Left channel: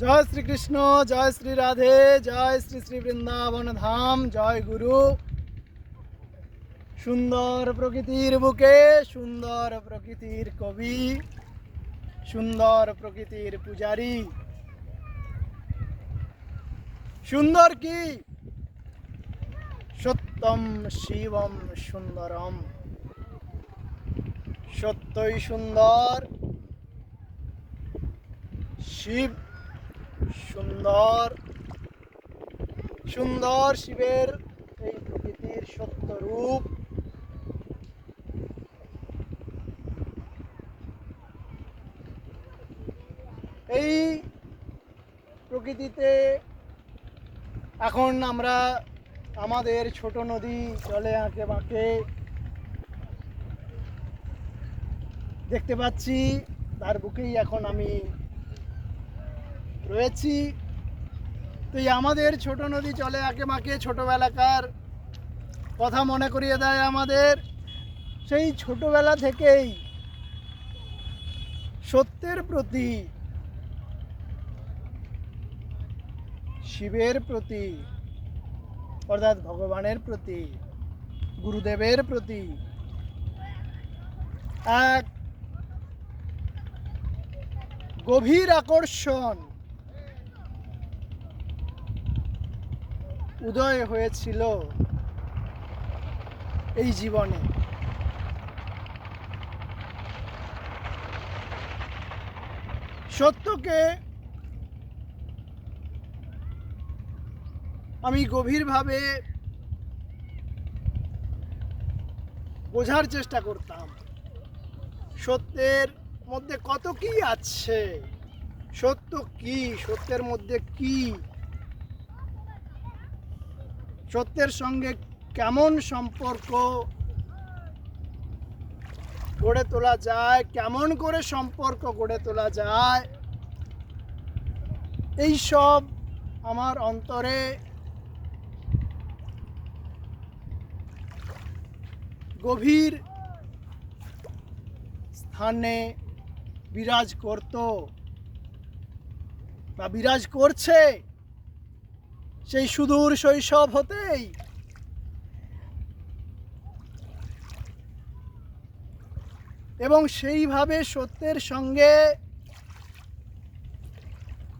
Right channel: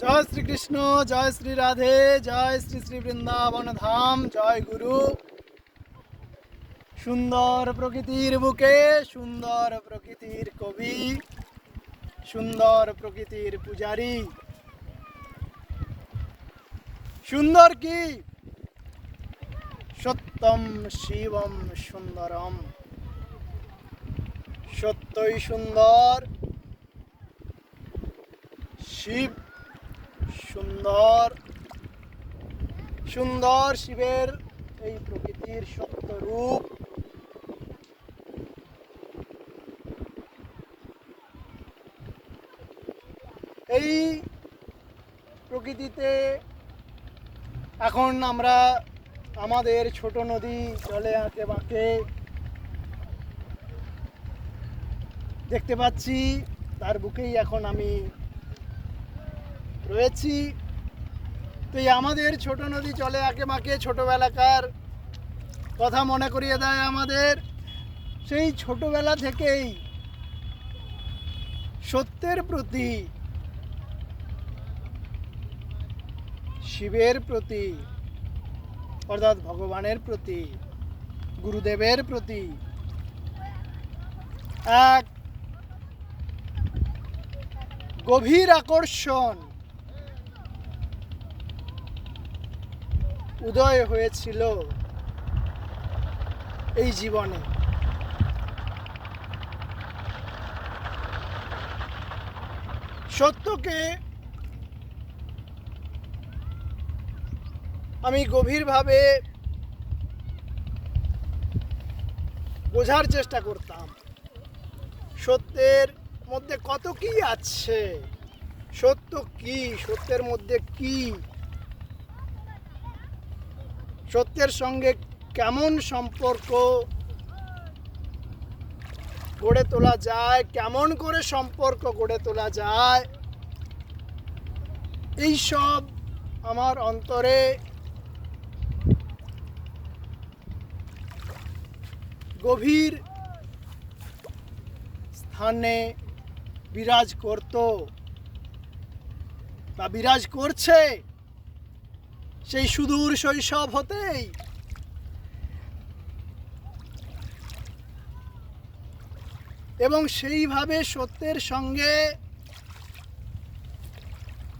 জয় শ্রীকৃষ্ণ, জয় শ্রী রাধে, জয় শ্রী শ্রী বৃন্দাবন ধাম, জয় গুরু। সুন্দর প্রকৃতির বুকে সুন্দর প্রকৃতির কবি, সুন্দর প্রকৃতির পূজারী। সুন্দর কি? সত্যম শিবম সুন্দরম। সত্যই সুন্দর, শিব সুন্দর। সুন্দর শিবের এই প্রকৃতির সত্য রূপ। এই প্রকৃতিতে এখন আমরা আমাদের ছোট নদী চলে আঁকে বাঁকে দেখতে পাচ্ছি, তার বুকেই এখন আমি রয়েছি। তো এই আমাদের ছোট নদী চলে আঁকে বাঁকে ছোটবেলাকার কথা মনে করিয়ে দেয় আমাদের। সেই ছোটবেলা থেকেই সত্যের প্রতি, শিবের প্রতি অর্থাৎ ভগবানের প্রতি, গুরুদেবের প্রতি এক গভীর আকর্ষণ উদয় হয়েছিল এই জীবনে। সত্যকে আমি গভীরভাবে বোঝার চেষ্টা করতাম। সত্যের মধ্যে কত কি আছে, সত্য কি, সত্যের মধ্যে কি, সত্যের সঙ্গে কেমন সম্পর্ক গড়ে তোলা যায়, কেমন করে সম্পর্ক গড়ে তোলা যায়, এই সব আমার অন্তরে গভীর স্থানে বিরাজ করত বা বিরাজ করছে সেই সুদূর শৈশব হতেই। এবং সেইভাবে সত্যের সঙ্গে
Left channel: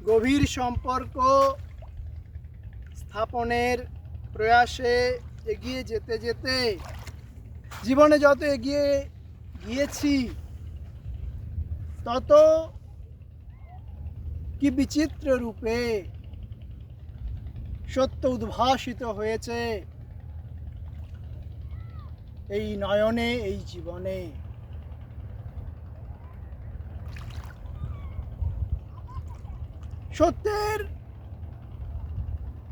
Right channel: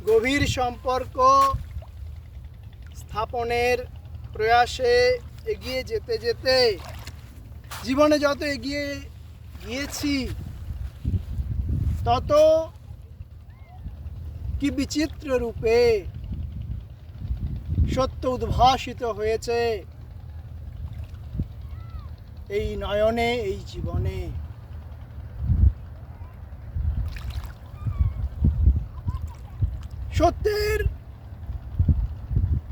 গভীর সম্পর্ক স্থাপনের প্রয়াসে এগিয়ে যেতে যেতে জীবনে যত এগিয়ে গিয়েছি তত কি বিচিত্র রূপে সত্য উদ্ভাসিত হয়েছে এই নয়নে, এই জীবনে। সত্যের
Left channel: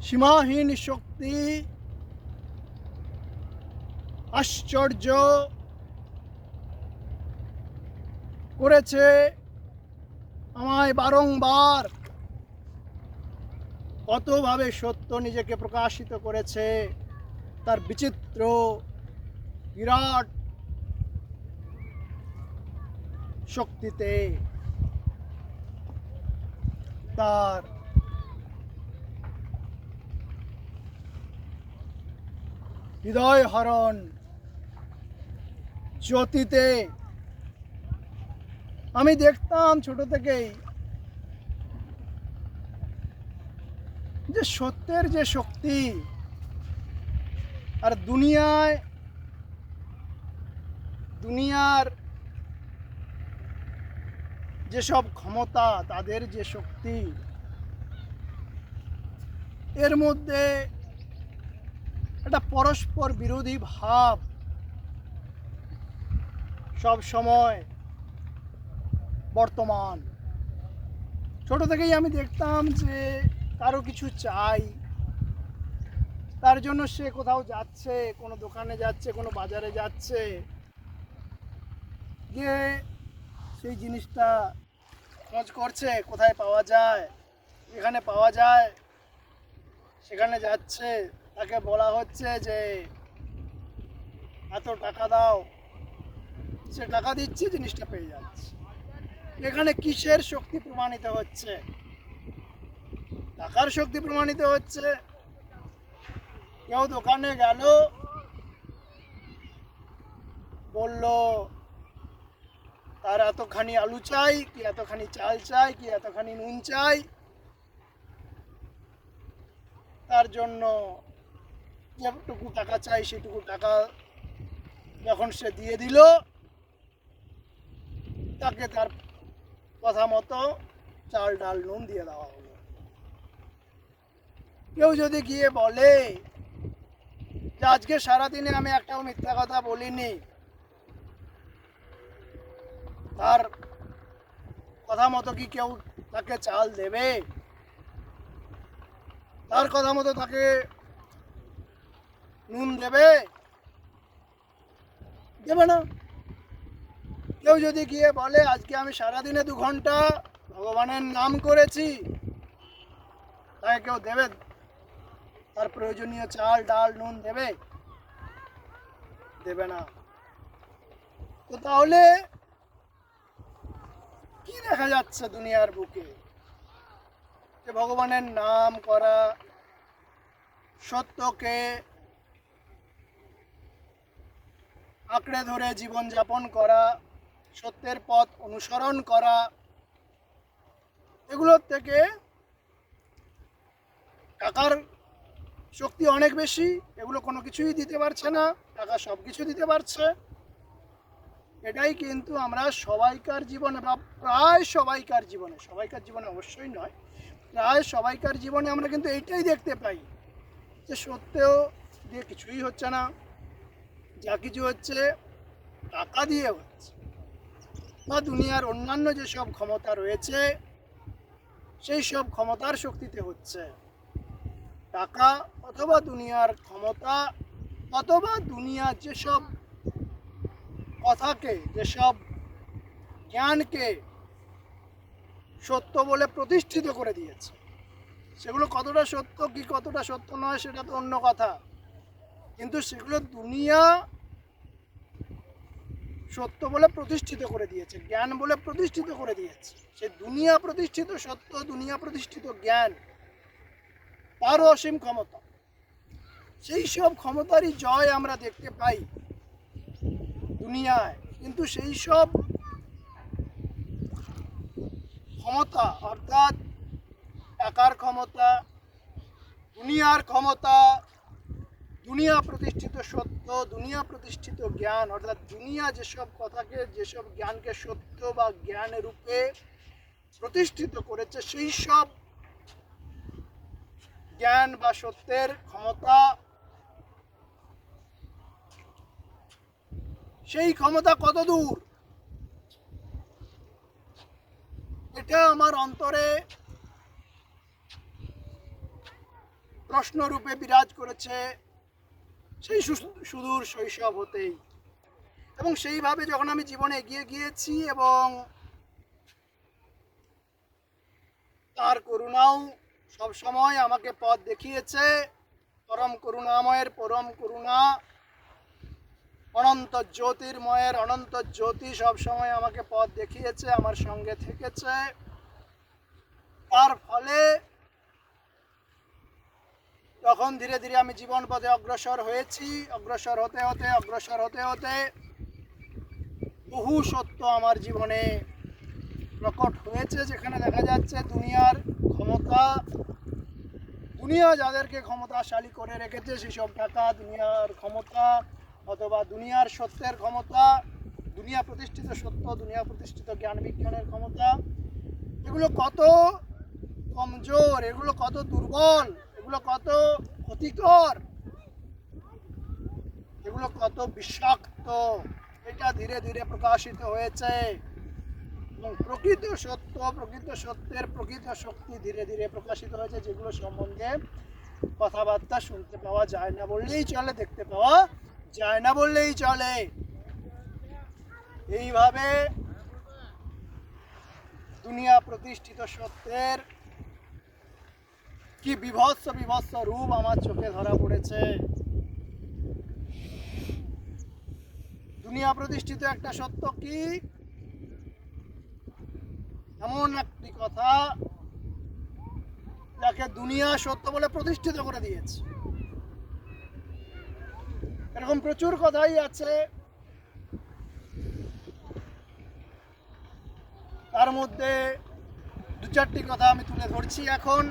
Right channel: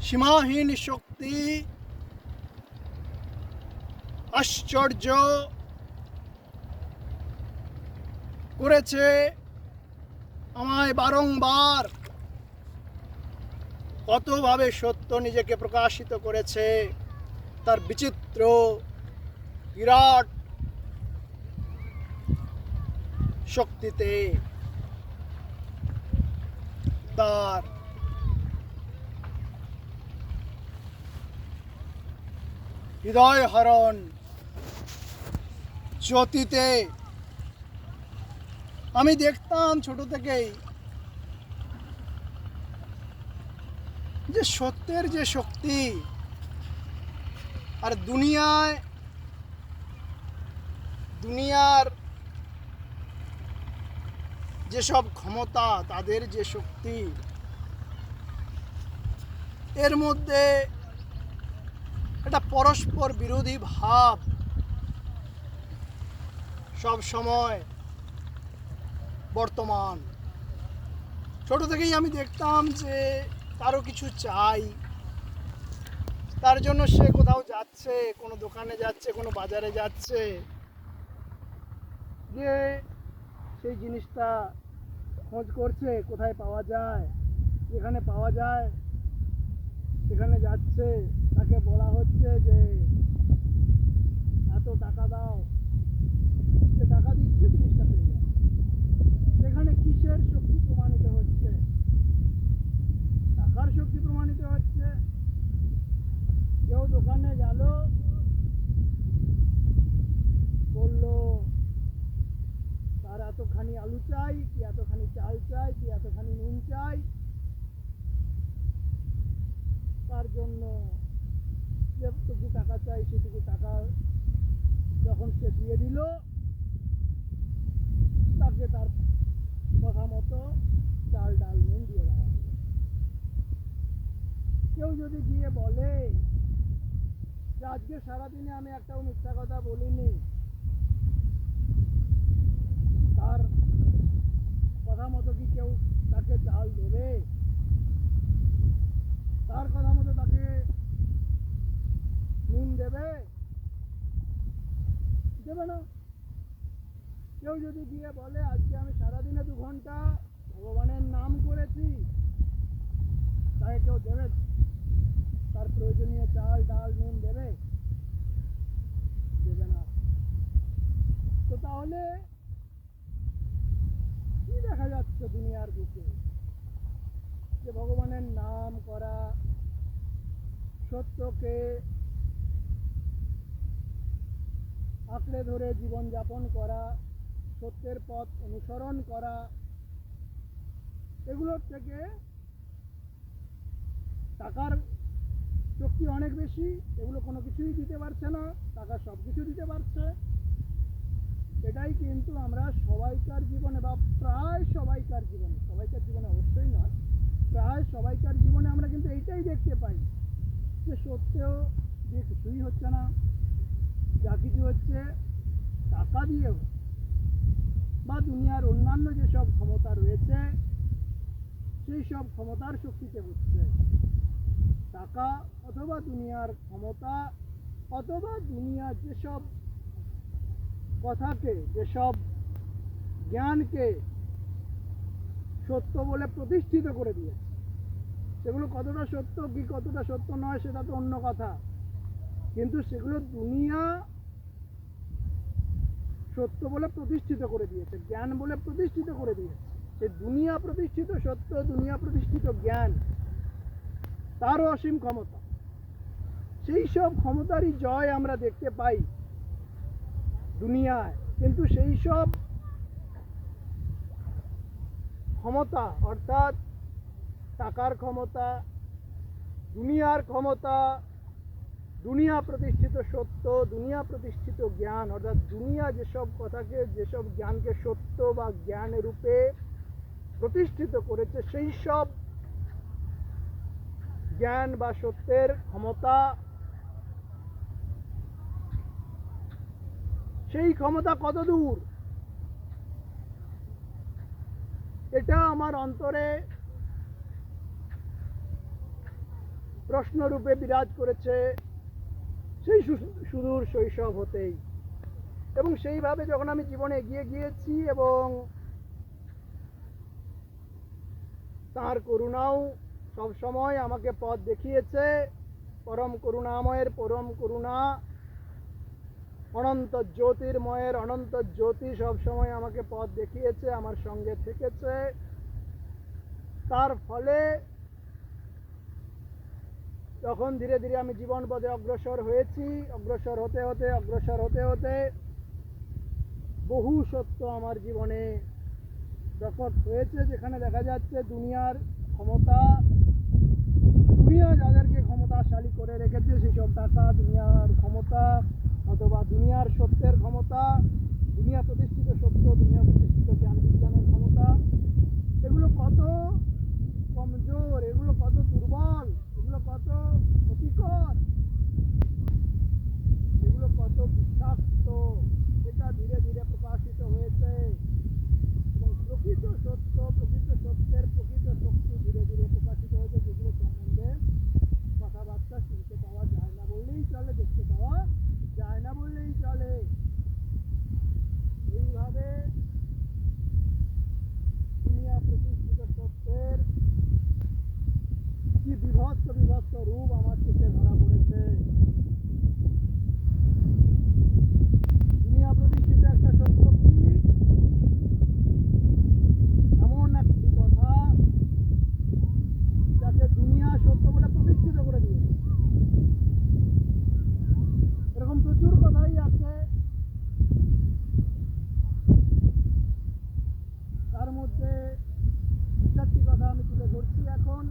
সীমাহীন শক্তি আশ্চর্য করেছে আমায় বারংবার। কতভাবে সত্য নিজেকে প্রকাশিত করেছে তার বিচিত্র বিরাট শক্তিতে, তার হৃদয় হরণ জ্যোতিতে। আমি দেখতাম ছোট থেকেই যে সত্যের যে শক্তি আর দুনিয়ার যেসব ক্ষমতা, তাদের যে শক্তি, এর মধ্যে একটা পরস্পর বিরোধী ভাব সব সময় বর্তমান। ছোট থেকেই আমি দেখতাম যে কারো কিছু চাই, তার জন্য সে কোথাও যাচ্ছে, কোনো দোকানে যাচ্ছে, কোনো বাজারে যাচ্ছে, গিয়ে সেই জিনিসটা খোঁজ করছে কোথায় পাওয়া যায়। যেখানে পাওয়া যায় সেখানে যাচ্ছে, তাকে বলা হচ্ছে যে এত টাকা দাও, সে টাকা দিচ্ছে, জিনিসটা পেয়ে যাচ্ছে। এখানে কিসের শক্তি প্রমাণিত হচ্ছে? টাকার শক্তি প্রমাণিত হচ্ছে। কেউ দোকানে গেল, বলল তার এতখানি আলু চাই, কি এতখানি চাল চাই, কি এতখানি নুন চাই, তার জন্য যেটুকু টাকা চাই সেটুকু টাকা যখন সে দিয়ে দিল, তাকে তার কথা মতো চাল ডাল নুন দিয়ে দেওয়া হলো। কেউ যদি গিয়ে বলে যে আজকে সারাদিনে আমি একটাও মিথ্যা কথা বলিনি, তার কথা মতো কি কেউ তাকে চাল দেবে? তার কথা মতো তাকে নুন দেবে? দেবে না। কেউ যদি গিয়ে বলে আজকে আমি সারাদিনে 2 ঘন্টা ভগবানের নাম করেছি, তাকে কেউ দেবে? তার প্রয়োজনীয় চাল ডাল নুন দেবে? দেবে না। তো তাহলে কি দেখা যাচ্ছে দুনিয়ার বুকে? যে ভগবানের নাম করা, সত্যকে আঁকড়ে ধরে জীবন যাপন করা, সত্যের পথ অনুসরণ করা, এগুলোর থেকে টাকার শক্তি অনেক বেশি। এগুলো কোনো কিছুই দিতে পারছে না, টাকা সব কিছু দিতে পারছে। এটাই কিন্তু আমরা সবাইকার জীবনে বা প্রায় সবাইকার জীবনে অবশ্যই নয়, প্রায় সবাইকার জীবনে আমরা কিন্তু এইটাই দেখতে পাই যে সত্যেও দিয়ে কিছুই হচ্ছে না, যা কিছু হচ্ছে টাকা দিয়ে হচ্ছে, বা দুনিয়ার অন্যান্য যেসব ক্ষমতা রয়েছে সেই সব ক্ষমতার শক্তিতে হচ্ছে। টাকা অথবা দুনিয়ার ক্ষমতা অথবা দুনিয়ার যেসব কথাকে, যেসব জ্ঞানকে সত্য বলে প্রতিষ্ঠিত করে দিয়েছে, সেগুলো কতটা সত্য কি কতটা সত্য নয় সেটা তো অন্য কথা, কিন্তু সেগুলো দুনিয়া সত্য বলে প্রতিষ্ঠিত করে দিয়েছে, জ্ঞান বলে প্রতিষ্ঠিত করে দিয়েছে। সে দুনিয়া প্রতিষ্ঠিত সত্য, দুনিয়া প্রতিষ্ঠিত জ্ঞান, তারও অসীম ক্ষমতা। সেই সব ক্ষমতারই জয় আমরা দেখতে পাই দুনিয়ায়, কিন্তু সেই সব ক্ষমতা অর্থাৎ টাকার ক্ষমতা, দুনিয়ার ক্ষমতা, দুনিয়া প্রতিষ্ঠিত সত্য, দুনিয়া প্রতিষ্ঠিত জ্ঞান, অর্থাৎ দুনিয়া যেসব কথাকে, যেসব জ্ঞানকে সত্য বা জ্ঞান রূপে প্রতিষ্ঠিত করেছে, সেই সব জ্ঞান বা সত্যের ক্ষমতা, সেই ক্ষমতা কত দূর, এটা আমার অন্তরে প্রশ্নরূপে বিরাজ করেছে সেই সুদূর শৈশব হতেই। এবং সেইভাবে যখন আমি জীবনে এগিয়ে গিয়েছি এবং তার করুণাও সব সময় আমাকে পথ দেখিয়েছে, পরম করুণাময়ের পরম করুণা, অনন্ত জ্যোতির্ময়ের অনন্ত জ্যোতি সব সময় আমাকে পথ দেখিয়েছে, আমার সঙ্গে থেকেছে। তার ফলে তখন ধীরে ধীরে আমি জীবন পথে অগ্রসর হয়েছি। অগ্রসর হতে হতে বহু সত্য আমার জীবনে প্রকট হয়েছে, যেখানে দেখা যাচ্ছে দুনিয়ার ক্ষমতা, দুনিয়া যাদেরকে ক্ষমতাশালী করে রেখেছে, সেসব টাকা, দুনিয়ার ক্ষমতা অথবা দুনিয়ার সত্যের ক্ষমতা, দুনিয়া প্রতিষ্ঠিত সত্য, দুনিয়া প্রতিষ্ঠিত জ্ঞান বিজ্ঞানের ক্ষমতা, এগুলো কত কমজোর, এগুলো কত দুর্বল, এগুলো কত ক্ষতিকর, এগুলো কত বিষাক্ত, এটা ধীরে ধীরে প্রকাশিত হয়েছে। এবং প্রকৃত সত্য, প্রকৃত সত্যের প্রকৃত শক্তি ধীরে ধীরে প্রকাশিত হয়েছে, যেগুলো সম্বন্ধে কথাবার্তা শুনতে পাওয়া যায় না বললেই চলে, দেখতে পাওয়া যায় না বললেই চলে। এইভাবে দুনিয়া প্রতিষ্ঠিত সত্যের কি বিভৎস বিভৎস রূপ আমার চোখে ধরা পড়েছে। দুনিয়া প্রতিষ্ঠিত একটা সত্য কি, এমন একটি কথা যাকে দুনিয়া সত্য বলে প্রতিষ্ঠিত করে দিয়েছে। এরকম প্রচুর কথাই আছে, তার মধ্যে দু চারটি কথা আমি তুলে ধরছি এখন।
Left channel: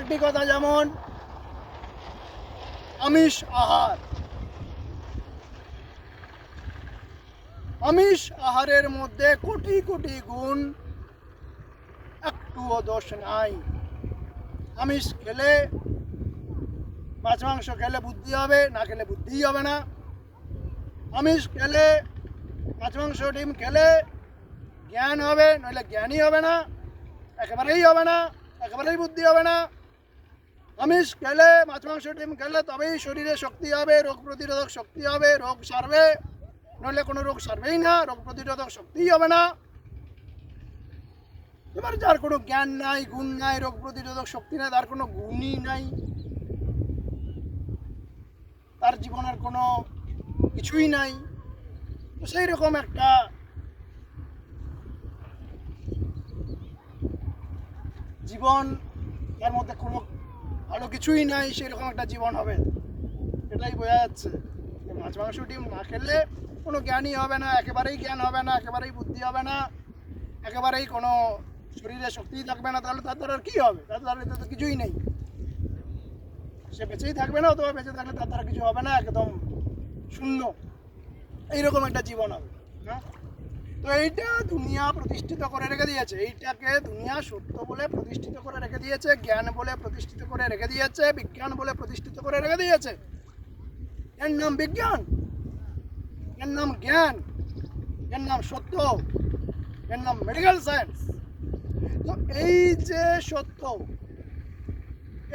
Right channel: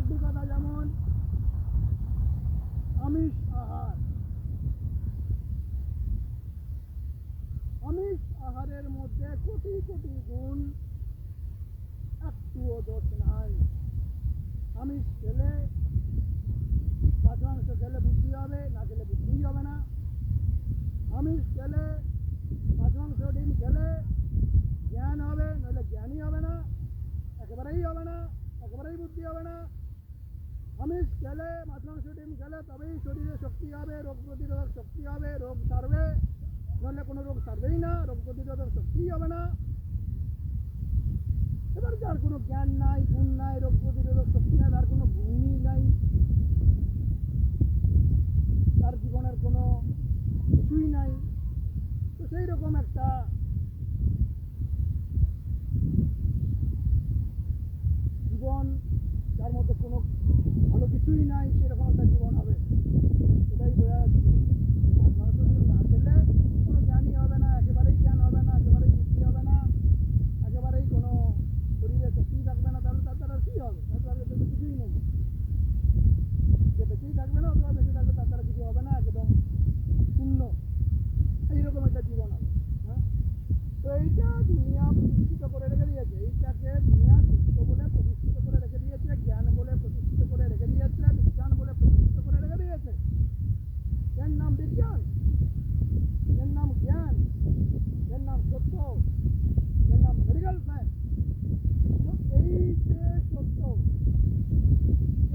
একটি কথা যেমন আমিষ আহার। আমিষ আহারের মধ্যে কোটি কোটি গুণ, একটুও দোষ নাই। আমিষ খেলে, মাছ মাংস খেলে বুদ্ধি হবে, না খেলে বুদ্ধিই হবে না। আমিষ খেলে, মাছ মাংস ডিম খেলে জ্ঞান হবে, নইলে জ্ঞানই হবে না, একেবারেই হবে না, একেবারেই বুদ্ধি হবে না। আমিষ খেলে, মাছ মাংস ডিম খেলে তবেই শরীরে শক্তি হবে, রোগ প্রতিরোধক শক্তি হবে, রোগ সারবে, নইলে কোনো রোগ সারবেই না, রোগ প্রতিরোধক শক্তিই হবে না। এবার যার কোনো জ্ঞান নাই, গুণ নাই, রোগ প্রতিরোধক শক্তি নাই, তার কোনো গুণই নাই, তার জীবনের কোনো কিছুই নাই, তো সেই রকম একটা জীবন, তার মধ্যে কোনো ভালো কিছুই নাই, সেরকম একটা জীবন হবে। এটাই বোঝা যাচ্ছে যে মাছ মাংস ডিম না খেলে কোনো জ্ঞানই হবে না, একেবারেই জ্ঞান হবে না, একেবারেই বুদ্ধি হবে না, একেবারেই কোনো শরীরে শক্তিই থাকবে না। তাহলে তার দ্বারা আর কী হবে? তার দ্বারা তো কিছুই নেই, সে বেঁচেই থাকবে না, অথবা বেঁচে থাকলে তার দ্বারা কিছু হবে না, একদম শূন্য। এইরকম একটা জীবন হবে। হ্যাঁ, তো এইটা দুনিয়া প্রতিষ্ঠিত করে রেখে দিয়েছে, এইটাকে দুনিয়া সত্য বলে প্রতিষ্ঠিত করে রেখে দিয়েছে, জ্ঞান বলে প্রতিষ্ঠিত করে রেখে দিয়েছে, বিজ্ঞান বলে প্রতিষ্ঠিত করে রেখে দিয়েছে। এর নাম বিজ্ঞান, এর নাম জ্ঞান, এর নাম সত্য, এর নাম মেডিকেল সায়েন্স। তো এই যে সত্য,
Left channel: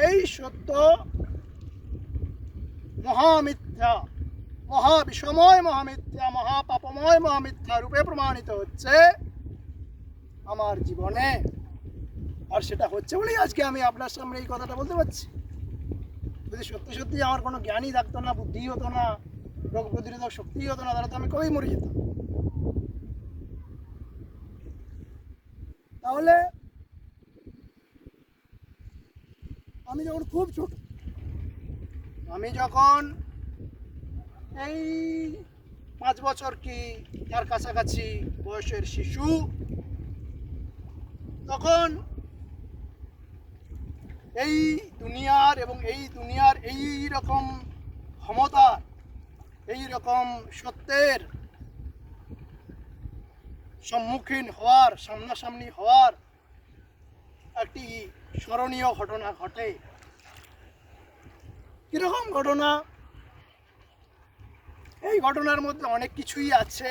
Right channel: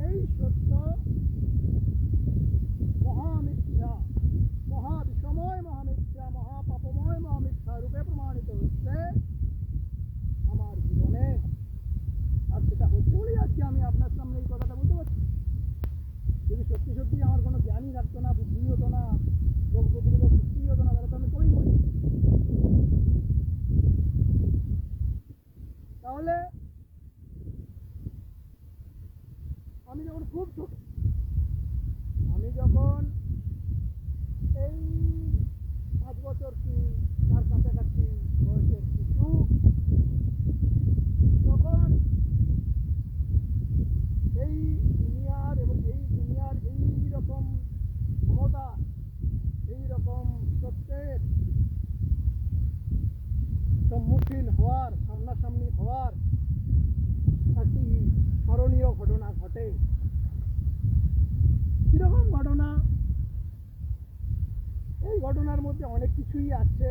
এই সত্য মহামিথ্যা, মহাবিষময় মহামিথ্যা, মহাপাপময় মহামিথ্যা রূপে প্রমাণিত হচ্ছে আমার জীবনে। আর সেটা হচ্ছে বলেই আজকে আমি আপনার সামনে এই কথাটা বলতে পারছি। যদি সত্যি সত্যি আমার কোনো জ্ঞানই থাকতো না, বুদ্ধি হতো না, রোগ প্রতিরোধক শক্তিই হতো না, তাহলে তো আমি কবেই মরে যেতাম। তাহলে আমি যখন খুব ছোট, আমি যখন এই 5 বছর কি তার কাছাকাছি বয়সের শিশু, তখন এই দুনিয়ার এবং এই দুনিয়ার এই রকম ক্ষমতা, এই রকম সত্যের সম্মুখীন হওয়ার, সামনাসামনি হওয়ার একটি স্মরণীয় ঘটনা ঘটে। কীরকম ঘটনা? এই ঘটনার মধ্যে অনেক কিছুই আছে,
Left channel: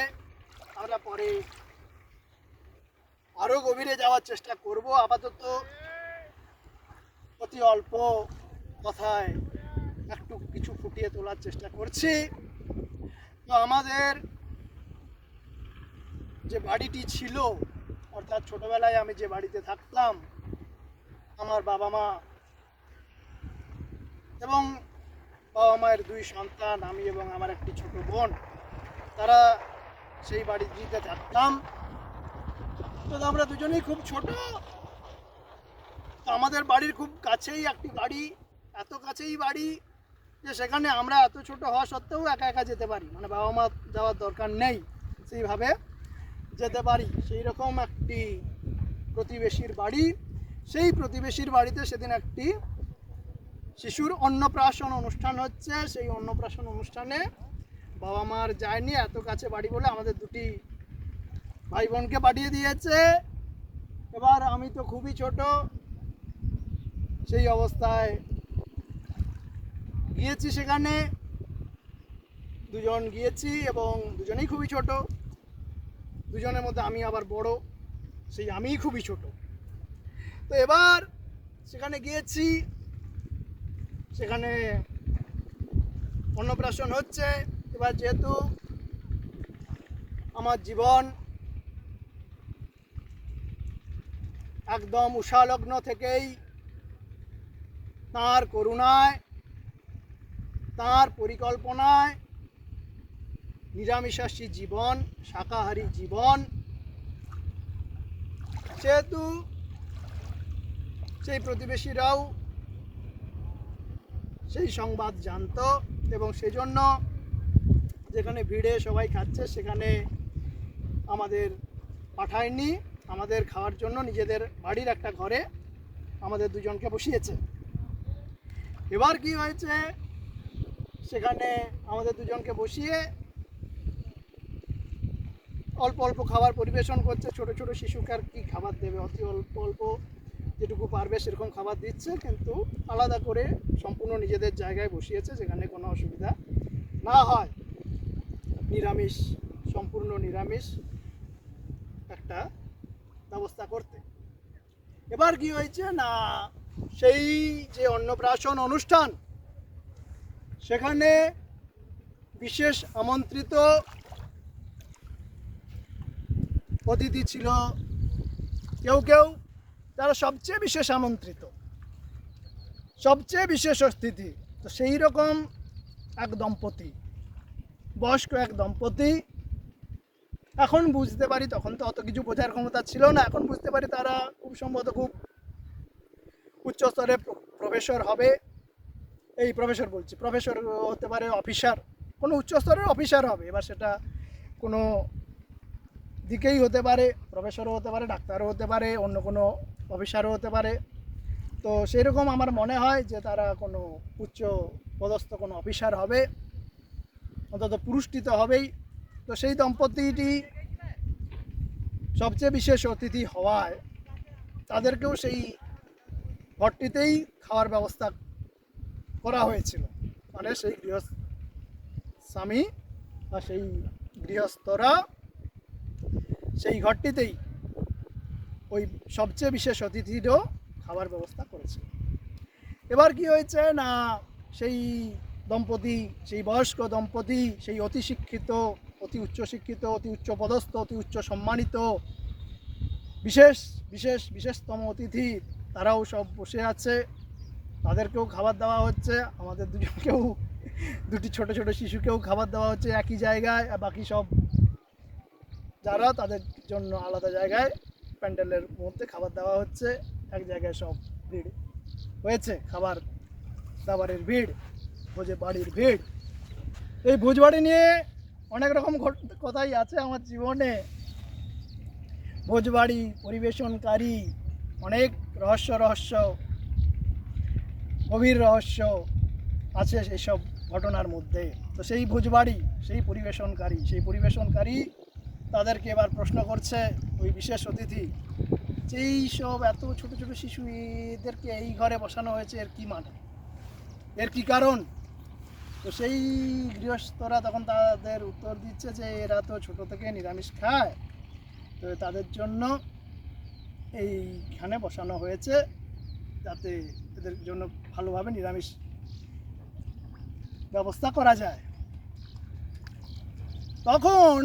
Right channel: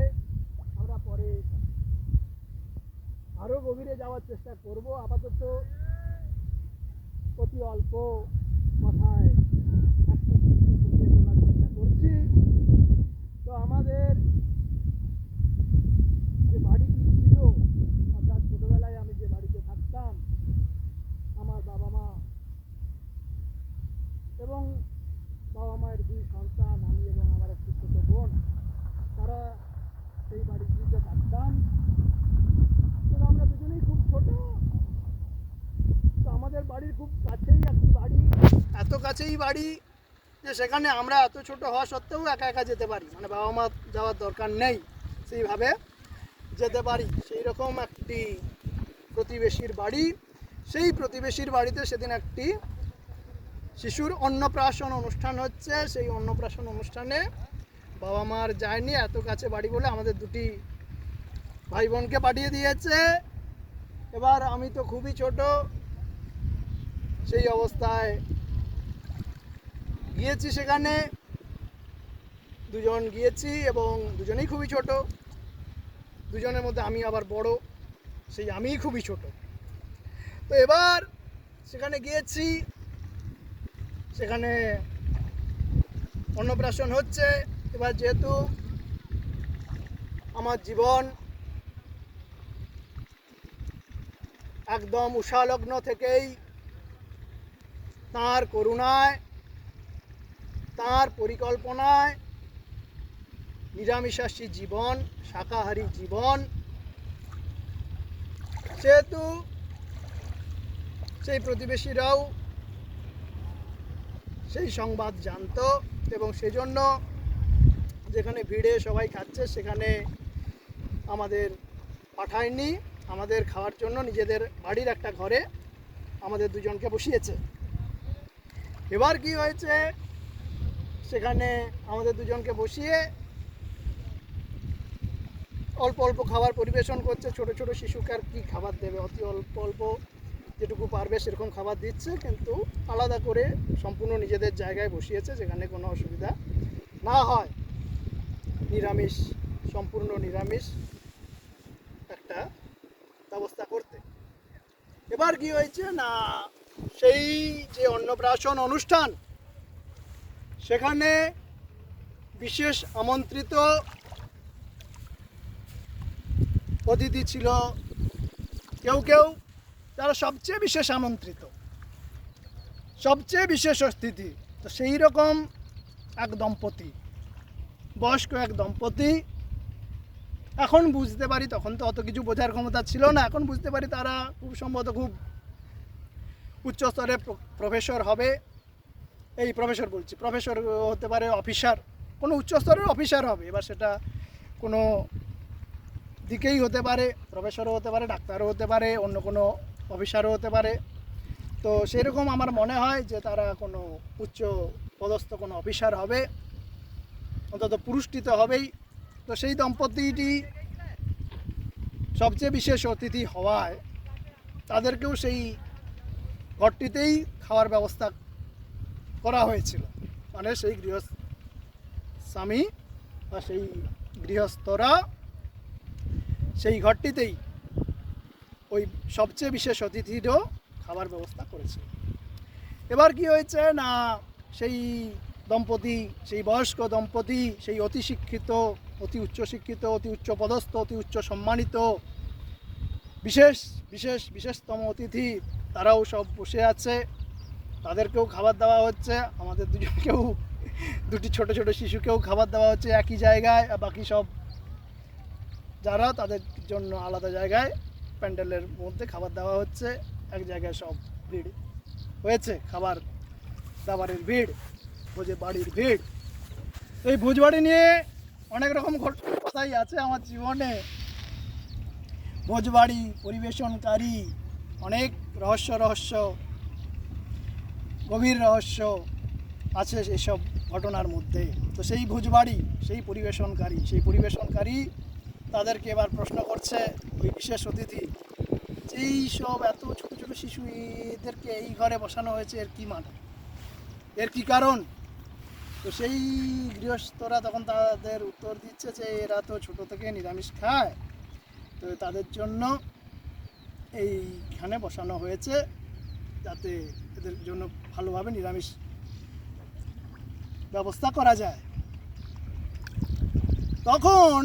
আমরা পরে আরও গভীরে যাওয়ার চেষ্টা করব। আপাতত অতি অল্প কথায় একটু কিছু ফুটিয়ে তোলার চেষ্টা করছি। তো আমাদের যে বাড়িটি ছিল, অর্থাৎ ছোটোবেলায় আমি যে বাড়িতে থাকতাম, আমার বাবা মা এবং বাবা মায়ের 2 সন্তান, আমি এবং আমার একটি ছোট বোন, তারা সেই বাড়িটিতে থাকতাম। তো আমরা দুজনেই খুব ছোট। তো আমাদের বাড়ির খুব কাছেই একটি বাড়ি, এত কাছেই বাড়ি যে সেখানে আমরা এত ছোট হওয়া সত্ত্বেও একা একা যেতে পারি, মানে বাবা মা যাওয়ার দরকার নেই, সেইভাবে যেতে পারি। সেই রকম একটি প্রতিবেশীর বাড়ি। সেই প্রতিবেশীর বাড়িতে সেদিন একটি শিশুর অন্নপ্রাশন অনুষ্ঠান হচ্ছে। সেই অন্নপ্রাশন অনুষ্ঠানে বাবা মার যায়নি, এত কাছে বাড়ি বলে আমাদের 2টি ভাই বোনকে পাঠিয়ে দিয়েছে। এবার আমি তো খুবই ছোট, সেই অবস্থায় গিয়েছি সেখানে, 2 জন গিয়েছি এবং দুজনেই খুবই ছোট। 2 জনের মধ্যে আমি আবার বড়, সেই আমিই খুবই ছোট। তো এবার সেখানে গিয়েছি, সেখানে অন্নপ্রাশন হচ্ছে। এবার যেহেতু আমার জীবন একদম উষালগ্ন থেকেই তাঁর করুণায়, তাঁর পরিকল্পনায় নিরামিষাশী জীবন, শাকাহারী জীবন, সেহেতু সেই প্রতিবেশীরাও সেই সংবাদ জানতো এবং সেজন্য যেখানে ভিড়ে সবাই খাচ্ছে সেখানে আমাদের পাঠায়নি, আমাদের খাওয়ার জন্য নিজেদের বাড়ির একটা ঘরে আমাদের দুজনকে বসিয়েছে। এবার কি হয়েছে, সেখানে আমাদের দুজনকে বসিয়ে অল্প অল্প খাবার পরিবেশন করছে। ছোট ছোট শিশুকে আর কি খাবার দেবে, অতি অল্প অল্প যেটুকু পারবে সেরকম খাবার দিচ্ছে, কিন্তু আলাদা করে সম্পূর্ণ নিজেদের জায়গায় বসিয়েছে যেখানে কোনো অসুবিধা না হয়। নিরামিষ, সম্পূর্ণ নিরামিষ একটা ব্যবস্থা করতে। এবার কি হয়েছে না, সেই যে অন্নপ্রাশন অনুষ্ঠান সেখানে বিশেষ আমন্ত্রিত অতিথি ছিল কেউ কেউ, যারা সবচেয়ে বিশেষ আমন্ত্রিত, সবচেয়ে বিশেষ অতিথি। তো সেই রকম এক দম্পতি, বয়স্ক এক দম্পতি, এখন বুঝতে পারি, তখন তো অত কিছু বোঝার ক্ষমতা ছিল না, এখন বুঝতে পারি তারা খুব সম্ভবত খুব উচ্চস্তরে প্রফেসর হবে। এই প্রফেসর বলছি, প্রফেসর হতে পারে, অফিসার, কোনো উচ্চস্তরের অফিসার হবে। এবার সেটা কোনো দিকেই হতে পারে, প্রফেসরও হতে পারে, ডাক্তারও হতে পারে, অন্য কোনো অফিসারও হতে পারে। তো সেই রকম আমার মনে হয় যে তারা কোনো উচ্চ পদস্থ কোনো অফিসার হবে, অন্তত পুরুষটি তো হবেই। তো সেই দম্পতিটি সবচেয়ে বিশেষ অতিথি হওয়ায় তাদেরকেও সেই ঘরটিতেই খাওয়ার ব্যবস্থা করা হয়েছিল। মানে সেই স্বামী বা সেই গৃহস্থরা সেই ঘরটিতেই ওই সবচেয়ে বিশেষ অতিথিরও খাবার ব্যবস্থা করেছিল। এবার কি হয়েছে না, সেই দম্পতি, সেই বয়স্ক দম্পতি, সেই অতি শিক্ষিত, অতি উচ্চ শিক্ষিত, অতি উচ্চ পদস্থ, অতি উচ্চ সম্মানিত বিশেষ বিশেষ বিশেষতম অতিথি, তারাও সব বসে আছে, তাদেরকেও খাবার দেওয়া হচ্ছে। আমাদের দুজনকেও, দুটি ছোট ছোট শিশুকেও খাবার দেওয়া হচ্ছে একই জায়গায়। বাকি সব যারা, তাদের জন্য আলাদা জায়গায় প্যান্ডেলের মধ্যে খাবার দেওয়া হচ্ছে। এক জায়গায় সব ভিড় হয়েছে, খাবার দাবারের ভিড়, ভোজে বাড়ির ভিড়। এই ভোজবাড়ি নিয়ে অনেক রকম কথাই আছে আমার জীবনে। ভোজবাড়ি পরিবেশনকারী অনেক রহস্য, গভীর রহস্য আছে এসব ঘটনার মধ্যে। তো সেই ভোজবাড়ি, সেই পরিবেশনকারী তাদেরকে এবার প্রশ্ন করছে ওই বিশেষ অতিথি, যেই সব এত ছোট ছোট শিশু এদেরকে এই ঘরে বসানো হয়েছে, এর কি মানে, এর কি কারণ? তো সেই গৃহস্থরা তখন তাদের উত্তর দিচ্ছে যে এরা তো ছোট থেকে নিরামিষ খায়, তো তাদের জন্য এইখানে বসানো হয়েছে যাতে এদের জন্য ভালোভাবে নিরামিষ ব্যবস্থা করা যায়। তখন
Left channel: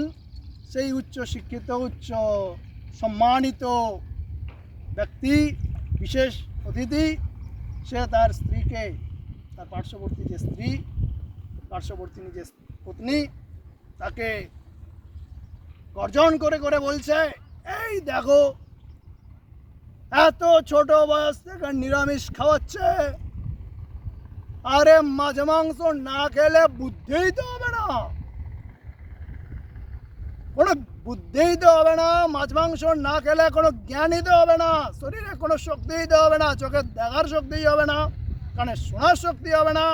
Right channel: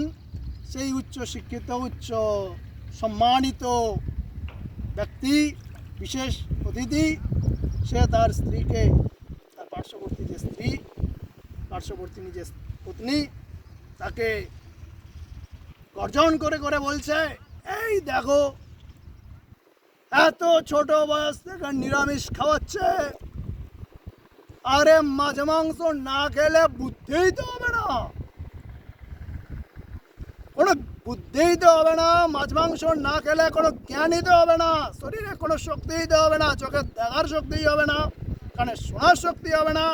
সেই উচ্চ শিক্ষিত, উচ্চ সম্মানিত ব্যক্তি, বিশেষ অতিথি, সে তার স্ত্রীকে, তার পার্শ্ববর্তী যে স্ত্রী, পার্শ্ববর্তী নিজের পত্নী, তাকে গর্জন করে করে বলছে, এই দেখো এত ছোট বয়স থেকে নিরামিষ খাওয়াচ্ছে, আরে মাছ মাংস না খেলে বুদ্ধিই তো হবে না, কোনো বুদ্ধিই তো হবে না, মাছ মাংস না খেলে কোনো জ্ঞানই তো হবে না, শরীরে কোনো শক্তিই তো হবে না, চোখে দেখার শক্তিই হবে না, কানে শোনার শক্তি হবে না,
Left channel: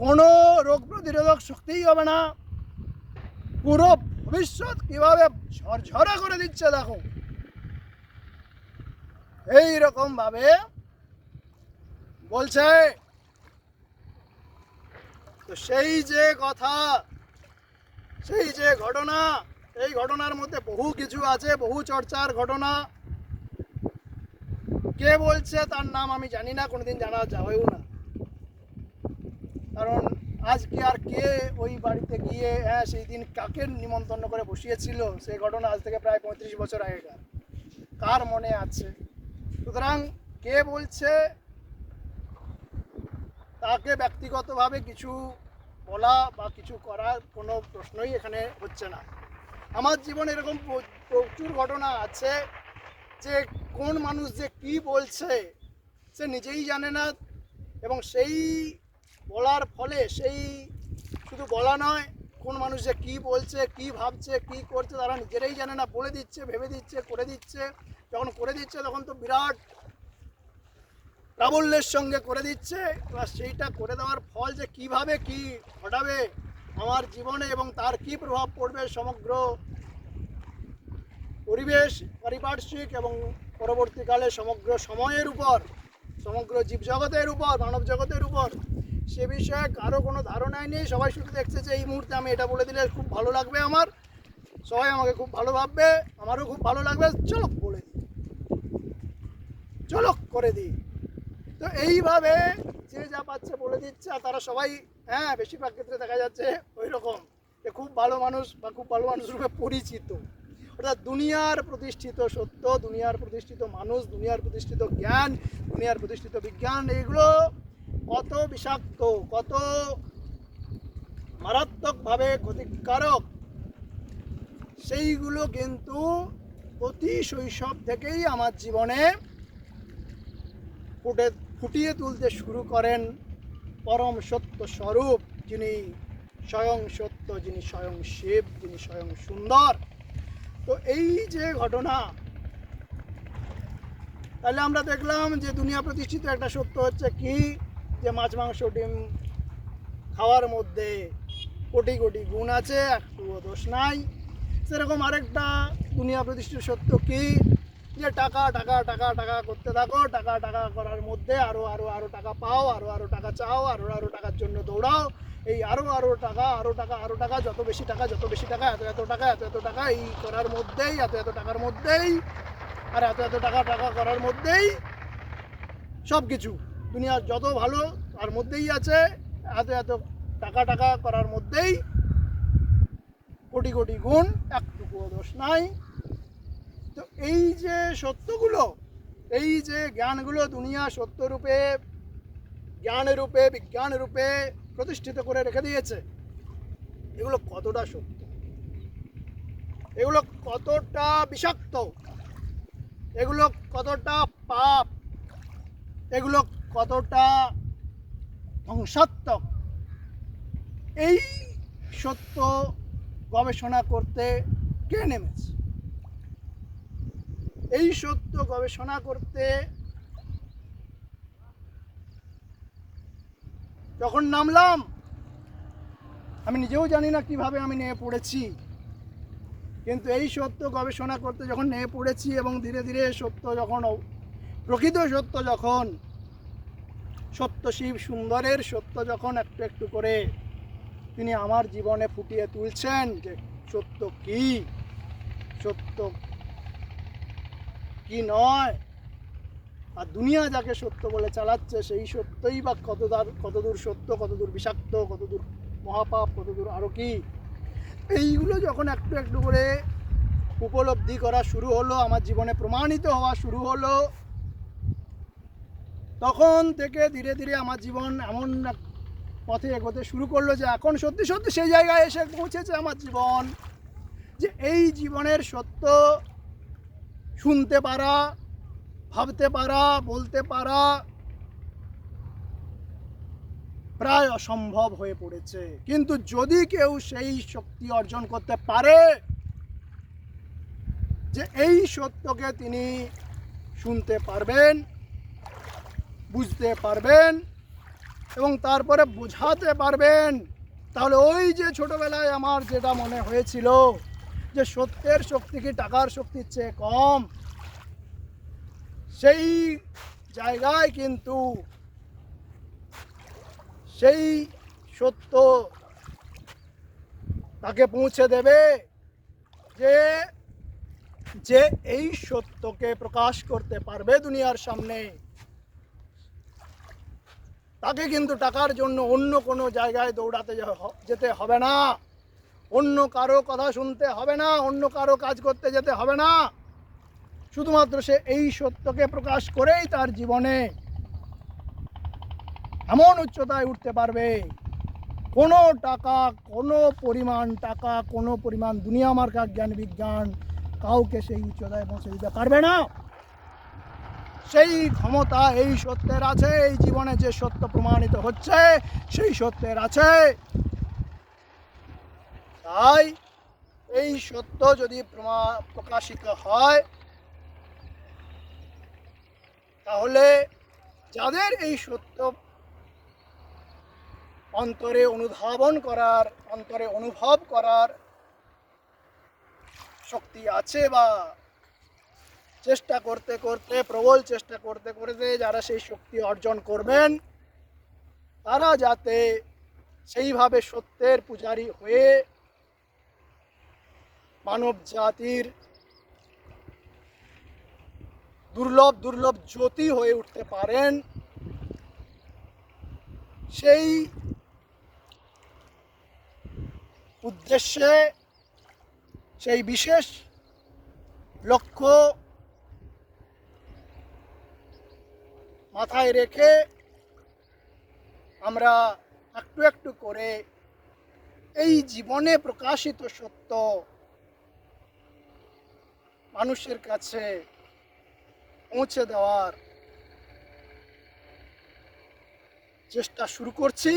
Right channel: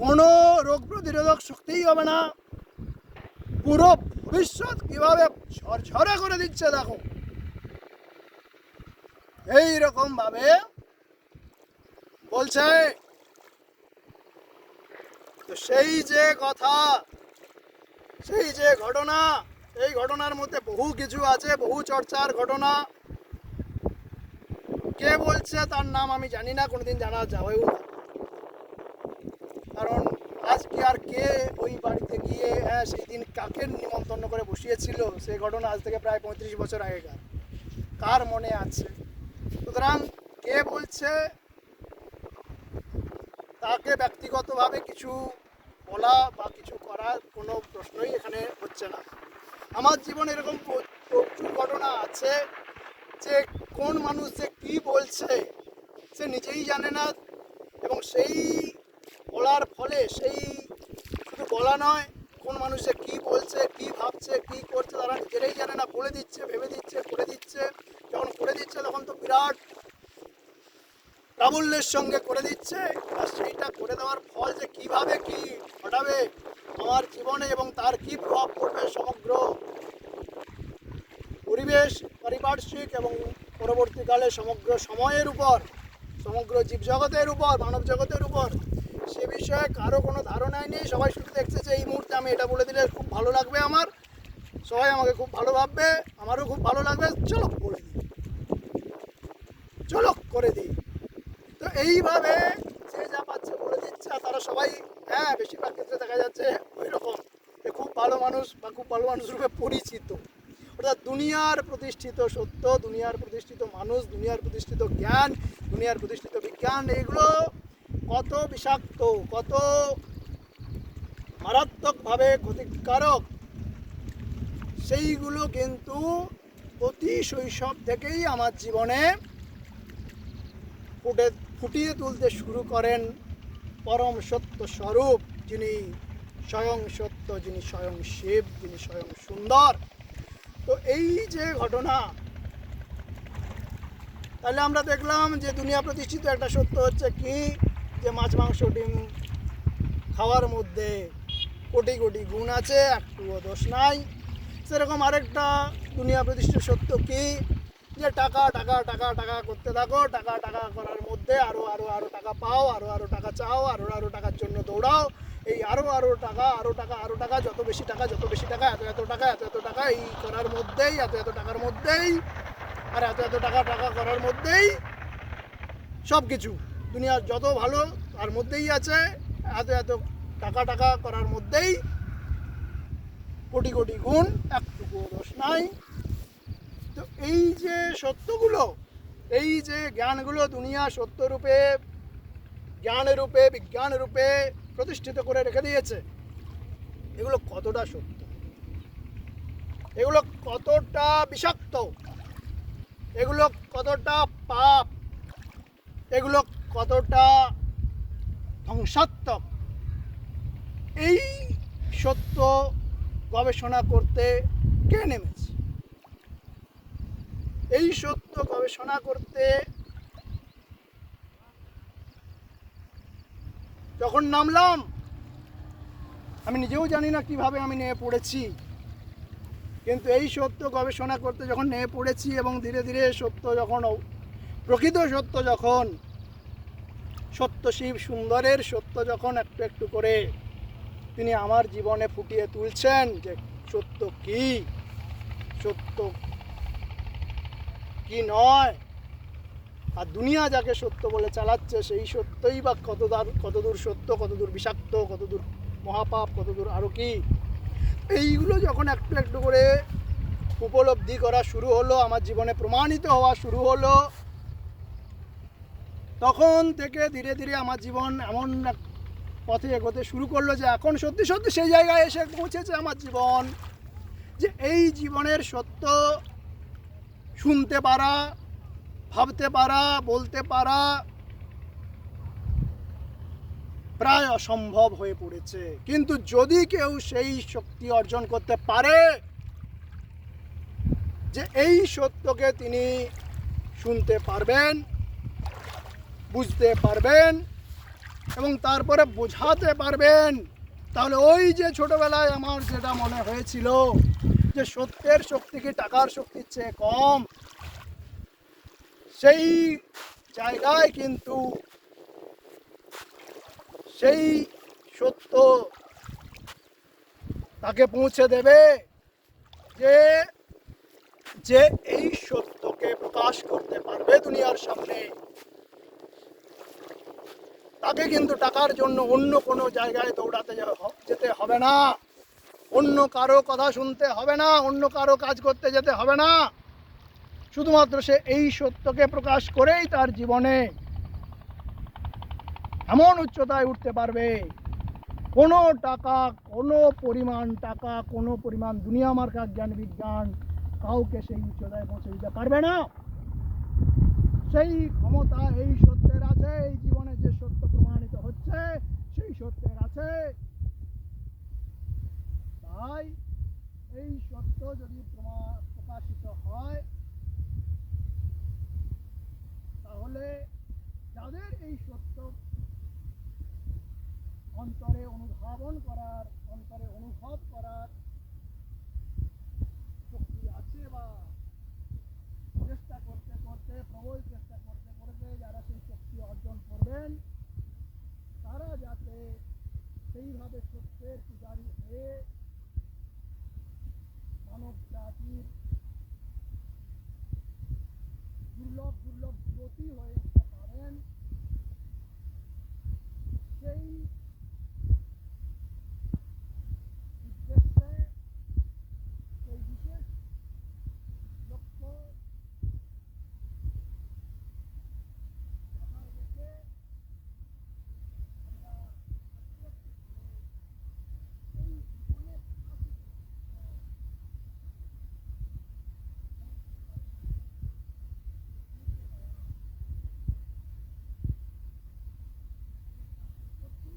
কোনো রোগ প্রতিরোধক শক্তিই হবে না, পুরো ভবিষ্যৎ কিভাবে ঝরঝরে করে দিচ্ছে দেখো। এইরকম ভাবে বলছে। তো সেই যে কথা, সেই যে ঘটনা, এই ঘটনার মধ্যে বহু কিছু আছে, বহু চর্চার ঘটনা। কে বলছে তার নাম আমি জানি না, কোনোদিন জানা যাবেও না, কারণ আজকে আর কে ওই বাড়িতে গিয়ে সেই দিন কাকে নিমন্ত্রণ করে বসিয়েছিল, সেই ঘটনা আজ থেকে প্রায় 35 বছর আগেকার, কার মনে আছে? সুতরাং কে বলছে তাকে ব্যক্তিগতভাবে কিছু বলা বা কিছু করার কোনো প্রশ্নই এখানে হচ্ছে না। আমার জীবনে এরকম প্রচুর ঘটনা আছে যে কোন মানুষ যে কী বলছে সে নিজেই জানে না, এবং সেই বলার ফলে সেই শুধু বলা নয়, কোন মানুষ যে কী বলছে, কী ভাবছে, কী করছে তারা নিজেরাই জানে না, বলে দিচ্ছে, ভেবে দিচ্ছে, করে দিচ্ছে। যখন করে দিচ্ছে তখন তো বিরাট প্রাবল্যের সঙ্গে করে দিচ্ছে, আর সেইটা করে দেওয়ার ফল যে কিভাবে কি ঘটাবে আমার জীবনে এবং তার কি প্রভাব পড়বে সমগ্র পরিবেশ, পারিপার্শ্বিক এবং পরবর্তীকালে সমগ্র সময়ের উপর, সমগ্র জীবজগতের উপর, মানব জগতের উপর, সে বিষয়ে কারো কোনো ধারণাই নেই। সবাই শুধু দেখছে যে এই মুহূর্তে আমি এটা বলে দিলে খুব ভালো লাগবে, আমার সবাই আমাকে খুব ভালো ভাববে, আমারও খুব ভালো লাগবে, চলো বলে দিই, চলো করে দিই। তো এইভাবে যে যা পাচ্ছে বলে দিচ্ছে, আর তারা সবাই, হ্যাঁ বেশিরভাগ ক্ষেত্রে দেখা যাচ্ছে ওই রকম খুব ভালো মানুষ বা খুব ভালো মানুষ রূপে পরিচিত। অর্থাৎ দুনিয়ার প্রতিষ্ঠিত সত্য, দুনিয়ার প্রতিষ্ঠিত মানুষ, দুনিয়ার প্রতিষ্ঠিত জ্ঞান, দুনিয়ার প্রতিষ্ঠিত বিজ্ঞান, এগুলো কত বিষাক্ত, কত মারাত্মকভাবে ক্ষতিকারক, সেইগুলো কিন্তু অতি শৈশব থেকেই আমার জীবনে ফুটিয়ে তুলতে শুরু করেন পরম সত্য স্বরূপ, যিনি স্বয়ং সত্য, যিনি স্বয়ং শিব, যিনি স্বয়ং সুন্দর। তো এই যে ঘটনা, তাহলে আমরা দেখলাম যে দুনিয়া প্রতিষ্ঠিত একটা সত্য হচ্ছে কি, যে মাছ মাংস ডিম খাওয়ার মধ্যে কোটি কোটি গুণ আছে, একটুও দোষ নাই। সেরকম আরেকটা দুনিয়া প্রতিষ্ঠিত সত্য কি, যে টাকা টাকা টাকা টাকা করতে থাকো, টাকা টাকা করার মধ্যে আরও আরও আরও টাকা পাও, আরও আরও টাকা চাও, আরও আরও টাকার জন্য দৌড়াও, এই আরও আরও টাকা, আরও টাকা, আরও টাকা, যত বেশি টাকা, যত বেশি টাকা, এত এত টাকা, এত এত টাকা, এই করার মধ্যেই, এত এত টাকার মধ্যেই, আর এত এত টাকা টাকা করার মধ্যেই সব কিছু দুনিয়ার যত ভালো তার মধ্যেই আছে, এত এত টাকা টাকা করার মধ্যেই কোটি কোটি গুণ, একটুকুও দোষ নাই। তো এই যে সত্যগুলো, এই যে জ্ঞানগুলো দুনিয়া সত্যরূপে, জ্ঞানের রূপে, বিজ্ঞানের রূপে প্রতিষ্ঠিত করে রেখে দিয়েছে, এগুলো কতটা সত্য, এগুলো কতটা বিষাক্ত, এগুলো কতটা পাপ, এগুলো কতটা ধ্বংসাত্মক, এই সত্য গবেষণা করতে কে নেমেছে? এই সত্য গবেষণা করতে যখন নামলাম, আমি নিজেও জানি না কিভাবে আমি নেমে পড়েছি, কিন্তু এই সত্য গবেষণা করতে যখন নেমে পড়েছি এবং ধীরে ধীরে সত্য যখন, প্রকৃত সত্য যখন, সত্য শিব সুন্দরের সত্য যখন একটু একটু করে তিনি আমার জীবনে ফুটিয়ে তুলছেন, যে সত্য কি, সত্য কি নয়, আর দুনিয়া যাকে সত্য বলে চালাচ্ছে সেই সত্যই বা কতদূর সত্য, কতদূর বিষাক্ত, কতদূর মহাপাপ, কতদূর আরও কি, এইগুলো যখন একটু একটু করে উপলব্ধি করা শুরু হলো, আমার জীবনে প্রমাণিত হওয়া শুরু হলো, তখন থেকে ধীরে ধীরে আমার জীবন এমন এক পথে এগোতে শুরু করলো যে এখন সত্যি সত্যি সেই জায়গায় এসে পৌঁছেছে আমার জীবন, যে এই জীবনের সত্য শুনতে পারা, ভাবতে পারা, বলতে পারা প্রায় অসম্ভব হয়ে পড়েছে। কিন্তু যদি কেউ সেই শক্তি অর্জন করতে পারে যে এই সত্যকে তিনি শুনতে পারবেন, বুঝতে পারবেন এবং তারপরে বোঝাতে পারবেন, তাহলে ওই যে ছোটবেলায় আমার যেটা মনে হয়েছিল যে সত্যের শক্তি কি টাকার শক্তির চেয়ে কম, সেই জায়গায় কিন্তু সেই সত্য তাকে পৌঁছে দেবে, যে যে এই সত্যকে প্রকাশ করতে পারবে দুনিয়ার সামনে, তাকে কিন্তু টাকার জন্য অন্য কোনো জায়গায় দৌড়াতে যেতে হবে না, অন্য কারো কথা শুনতে হবে না, অন্য কারো কাজ করতে যেতে হবে না, শুধুমাত্র সে এই সত্যকে প্রকাশ করেই তার জীবনে এমন উচ্চতায় উঠতে পারবে, কোনো টাকা, কোনো পরিমাণ টাকা, কোনো পরিমাণ দুনিয়া মার্কা জ্ঞান বিজ্ঞান কাউকে সেই উচ্চতায় পৌঁছে দিতে পারবে না। সেই ক্ষমতা এই সত্যের আছে। এই জীবনে যে সত্য প্রমাণিত হচ্ছে সেই সত্যের আছে। তাই এই সত্য যদি প্রকাশিত হয়, তাহলে যাদের এই সত্য অন্তরে অনুধাবন করার, অন্তরে অনুভব করার শক্তি আছে, বা চেষ্টা করতে করতে, প্রবল চেষ্টা করতে করতে যারা সেই শক্তি অর্জন করবেন, তারা যাতে সেইভাবে সত্যের পূজারী হয়ে মানব জাতির দুর্লভ দুর্লভ জ্যোতি হয়ে উঠতে পারেন, সেই উদ্দেশ্যে, সেই বিশেষ লক্ষ্য মাথায় রেখে আমরা একটু একটু করে এই জীবনে প্রকাশিত সত্য মানুষের কাছে পৌঁছে দেওয়ার চেষ্টা শুরু করছি।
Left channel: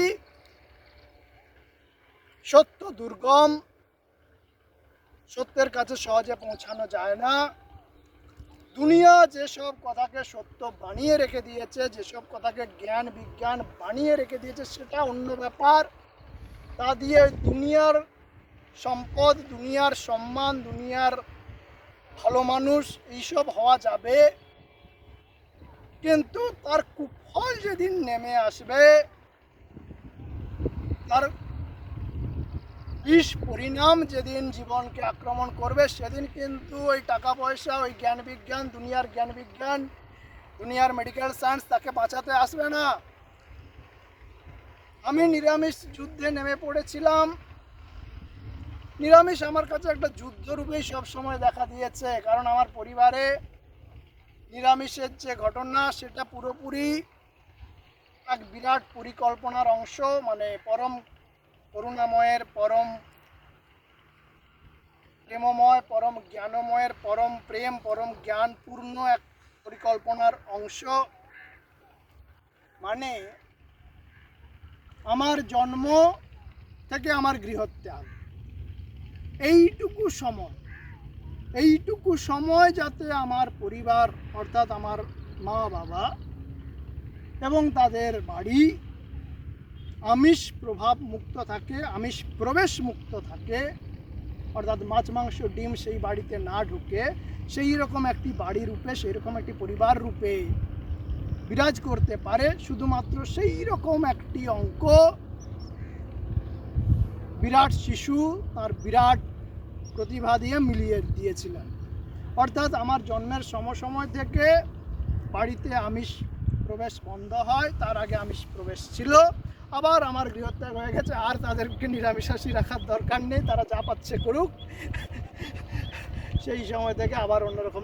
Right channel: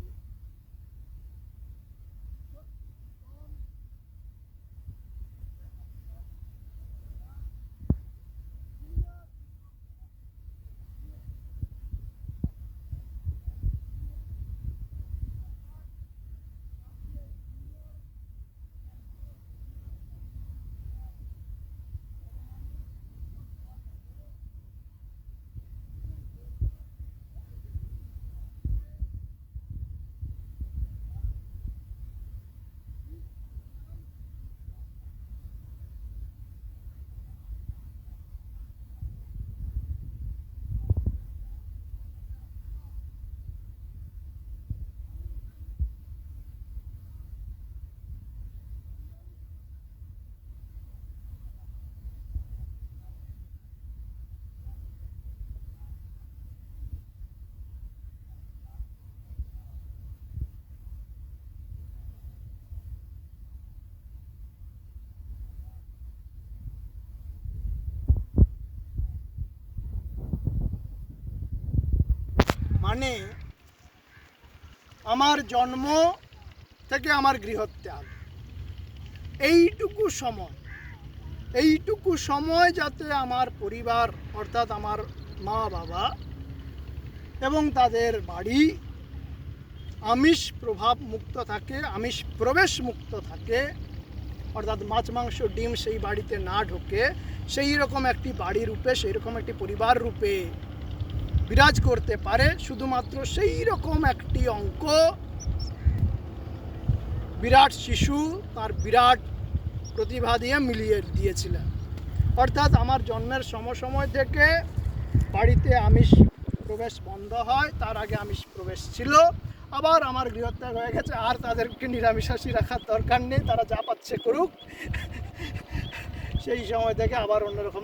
সত্য দুর্গম, সত্যের কাছে সহজে পৌঁছানো যায় না। দুনিয়া যেসব কথাকে সত্য বানিয়ে রেখে দিয়েছে, যেসব কথাকে জ্ঞান বিজ্ঞান বানিয়ে রেখে দিয়েছে, সেটা অন্য ব্যাপার। তা দিয়ে দুনিয়ার সম্পদ, দুনিয়ার সম্মান, দুনিয়ার ভালো মানুষ এইসব হওয়া যাবে, কিন্তু তার কুফল যেদিন নেমে আসবে, তার বিষ পরিণাম যেদিন জীবনকে আক্রমণ করবে, সেদিন কিন্তু ওই টাকা পয়সা, ওই জ্ঞান বিজ্ঞান, দুনিয়ার জ্ঞান বিজ্ঞান, দুনিয়ার মেডিকেল সায়েন্স তাকে বাঁচাতে আসবে না। আমি নিরামিষ যুদ্ধে নেমে পড়েছিলাম। নিরামিষ আমার কাছে একটা যুদ্ধরূপেই সবসময় দেখা দিয়েছে, কারণ আমার পরিবারে নিরামিষের যে ঘটনা, সেটা পুরোপুরি এক বিরাট পরিকল্পনার অংশ। মানে পরম করুণাময়ের, পরম প্রেমময়, পরম জ্ঞানময়ের পরম প্রেম, পরম জ্ঞান পূর্ণ এক পরিকল্পনার অংশ। মানে আমার জন্ম থেকে আমার গৃহত্যাগ, এইটুকু সময় যাতে আমার পরিবার, অর্থাৎ আমার মা বাবা এবং তাদের বাড়ি আমিষ প্রভাব মুক্ত থাকে, আমিষ প্রবেশ মুক্ত থাকে, অর্থাৎ মাছ মাংস ডিম সেই বাড়িতে না ঢোকে, সেই রকম একটি বাড়ি রূপে, সেই রকম একটি পরিবার রূপে বিরাজ করতে পারে, শুধুমাত্র সেই রকম একটি অঙ্ক বিরাট শিশু তার বিরাট প্রতিভা দিয়ে মিলিয়ে দিয়েছিলেন। অর্থাৎ আমার জন্মের সময় থেকে বাড়িতে আমিষ প্রবেশ বন্ধ হয়, তার আগে আমিষ প্রবেশ ছিল। আবার আমার গৃহত্যাগ হয়ে গেছে, আর তাদেরকে নিরামিষাশী রাখার দরকার নেই, তারা যা পাচ্ছে করুক। সেই সময় থেকে আবার অন্যরকম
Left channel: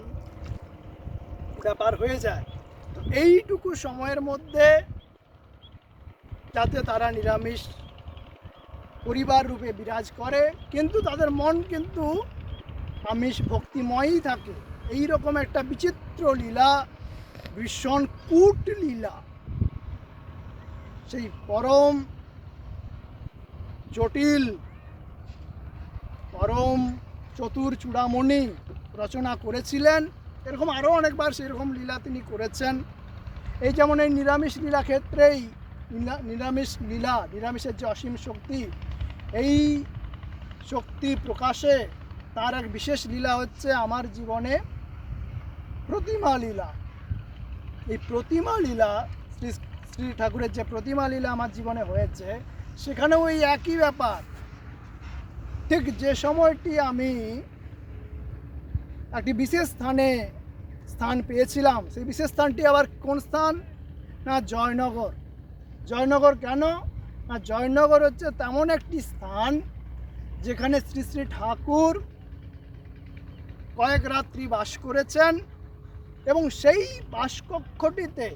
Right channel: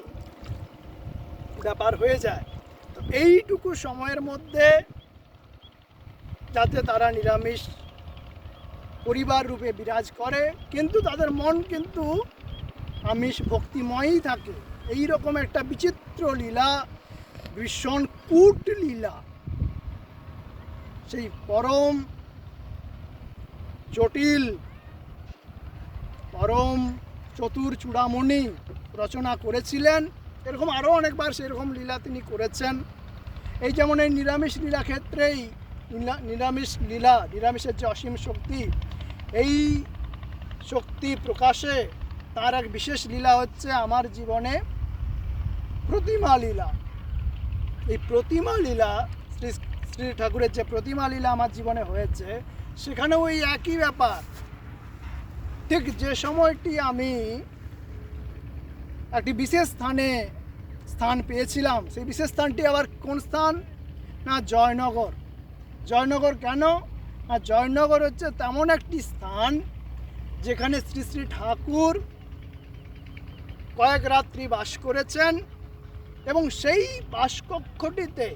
ব্যাপার হয়ে যায়। তো এইটুকু সময়ের মধ্যে যাতে তারা নিরামিষ পরিবার রূপে বিরাজ করে, কিন্তু তাদের মন কিন্তু আমিষ ভক্তিময়ই থাকে। এই রকম একটা বিচিত্র লীলা, ভীষণ কূট লীলা, সেই পরম জটিল, পরম চতুর চূড়ামণি রচনা করেছিলেন। এরকম আরও অনেকবার সেরকম লীলা তিনি করেছেন। এই যেমন এই নিরামিষ লীলা ক্ষেত্রেই, নিরামিষের যে অসীম শক্তি, এই শক্তি প্রকাশে তার এক বিশেষ লীলা হচ্ছে আমার জীবনে প্রতিমা লীলা। এই প্রতিমা লীলা, শ্রী ঠাকুরের যে প্রতিমা লীলা আমার জীবনে হয়েছে, সেখানেও ওই একই ব্যাপার। ঠিক যে সময়টি আমি একটি বিশেষ স্থান পেয়েছিলাম, সেই বিশেষ স্থানটি আবার কোন স্থান? না, জয়নগর। জয়নগর কেন? না, জয়নগর হচ্ছে তেমন একটি স্থান যেখানে শ্রী শ্রী ঠাকুর কয়েক রাত্রি বাস করেছেন, এবং সেই বাসকক্ষটিতে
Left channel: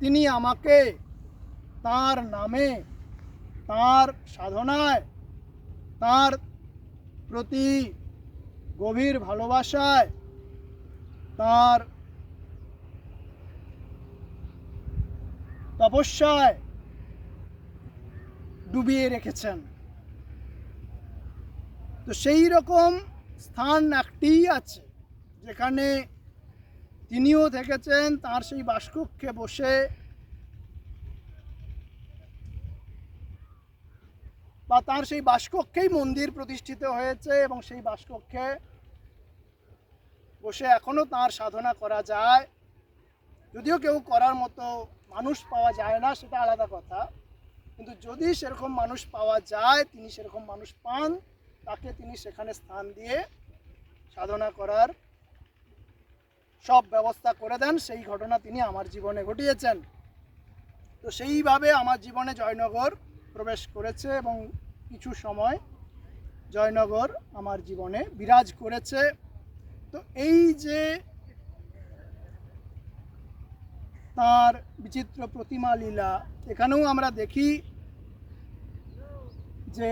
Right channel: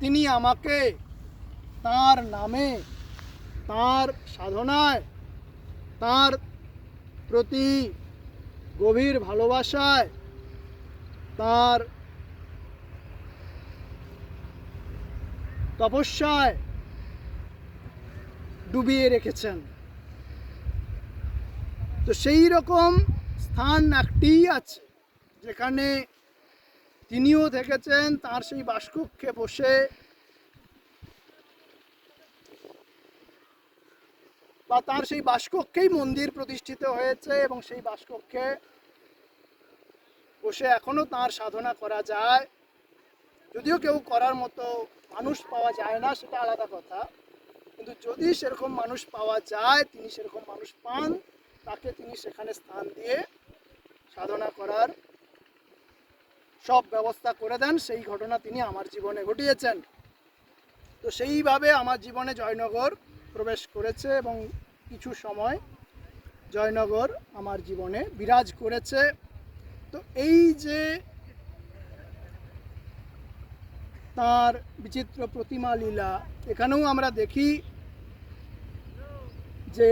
তিনি আমাকে তার নামে, তার সাধনায়, তার প্রতি গভীর ভালোবাসায়, তার তপস্যায় ডুবিয়ে রেখেছেন। তো সেই রকম স্থান একটিই আছে যেখানে তিনিও থেকেছেন, তার সেই বাসকক্ষে বসে বা তার সেই বাসকক্ষেই মন্দির প্রতিষ্ঠিত হয়েছে এবং সেই বাসকক্ষে বসে এখনো তার সাধনা করা যায়। যদিও কেউ করার মতো মানুষ পাওয়া যায় না, সেটা আলাদা কথা, কিন্তু যদি সেরকম মানুষ পাওয়া যায়, তিনি সেরকম মানুষ পান, তাকে তিনি সেখানে স্থান দিয়ে সাধনা করার সব ব্যবস্থা করে দেন। সেই ঘটনা তিনি আমার জীবনে ঘটিয়েছেন। তো সেইভাবে আমার জীবনে জয়নগর প্রবেশ করেছে এবং কিছু সময় জয়নগর আমার জীবনে বিরাজ করেছে। তো এই যে তার বিচিত্র প্রতিমা লীলা, এখানেও আমরা দেখি যে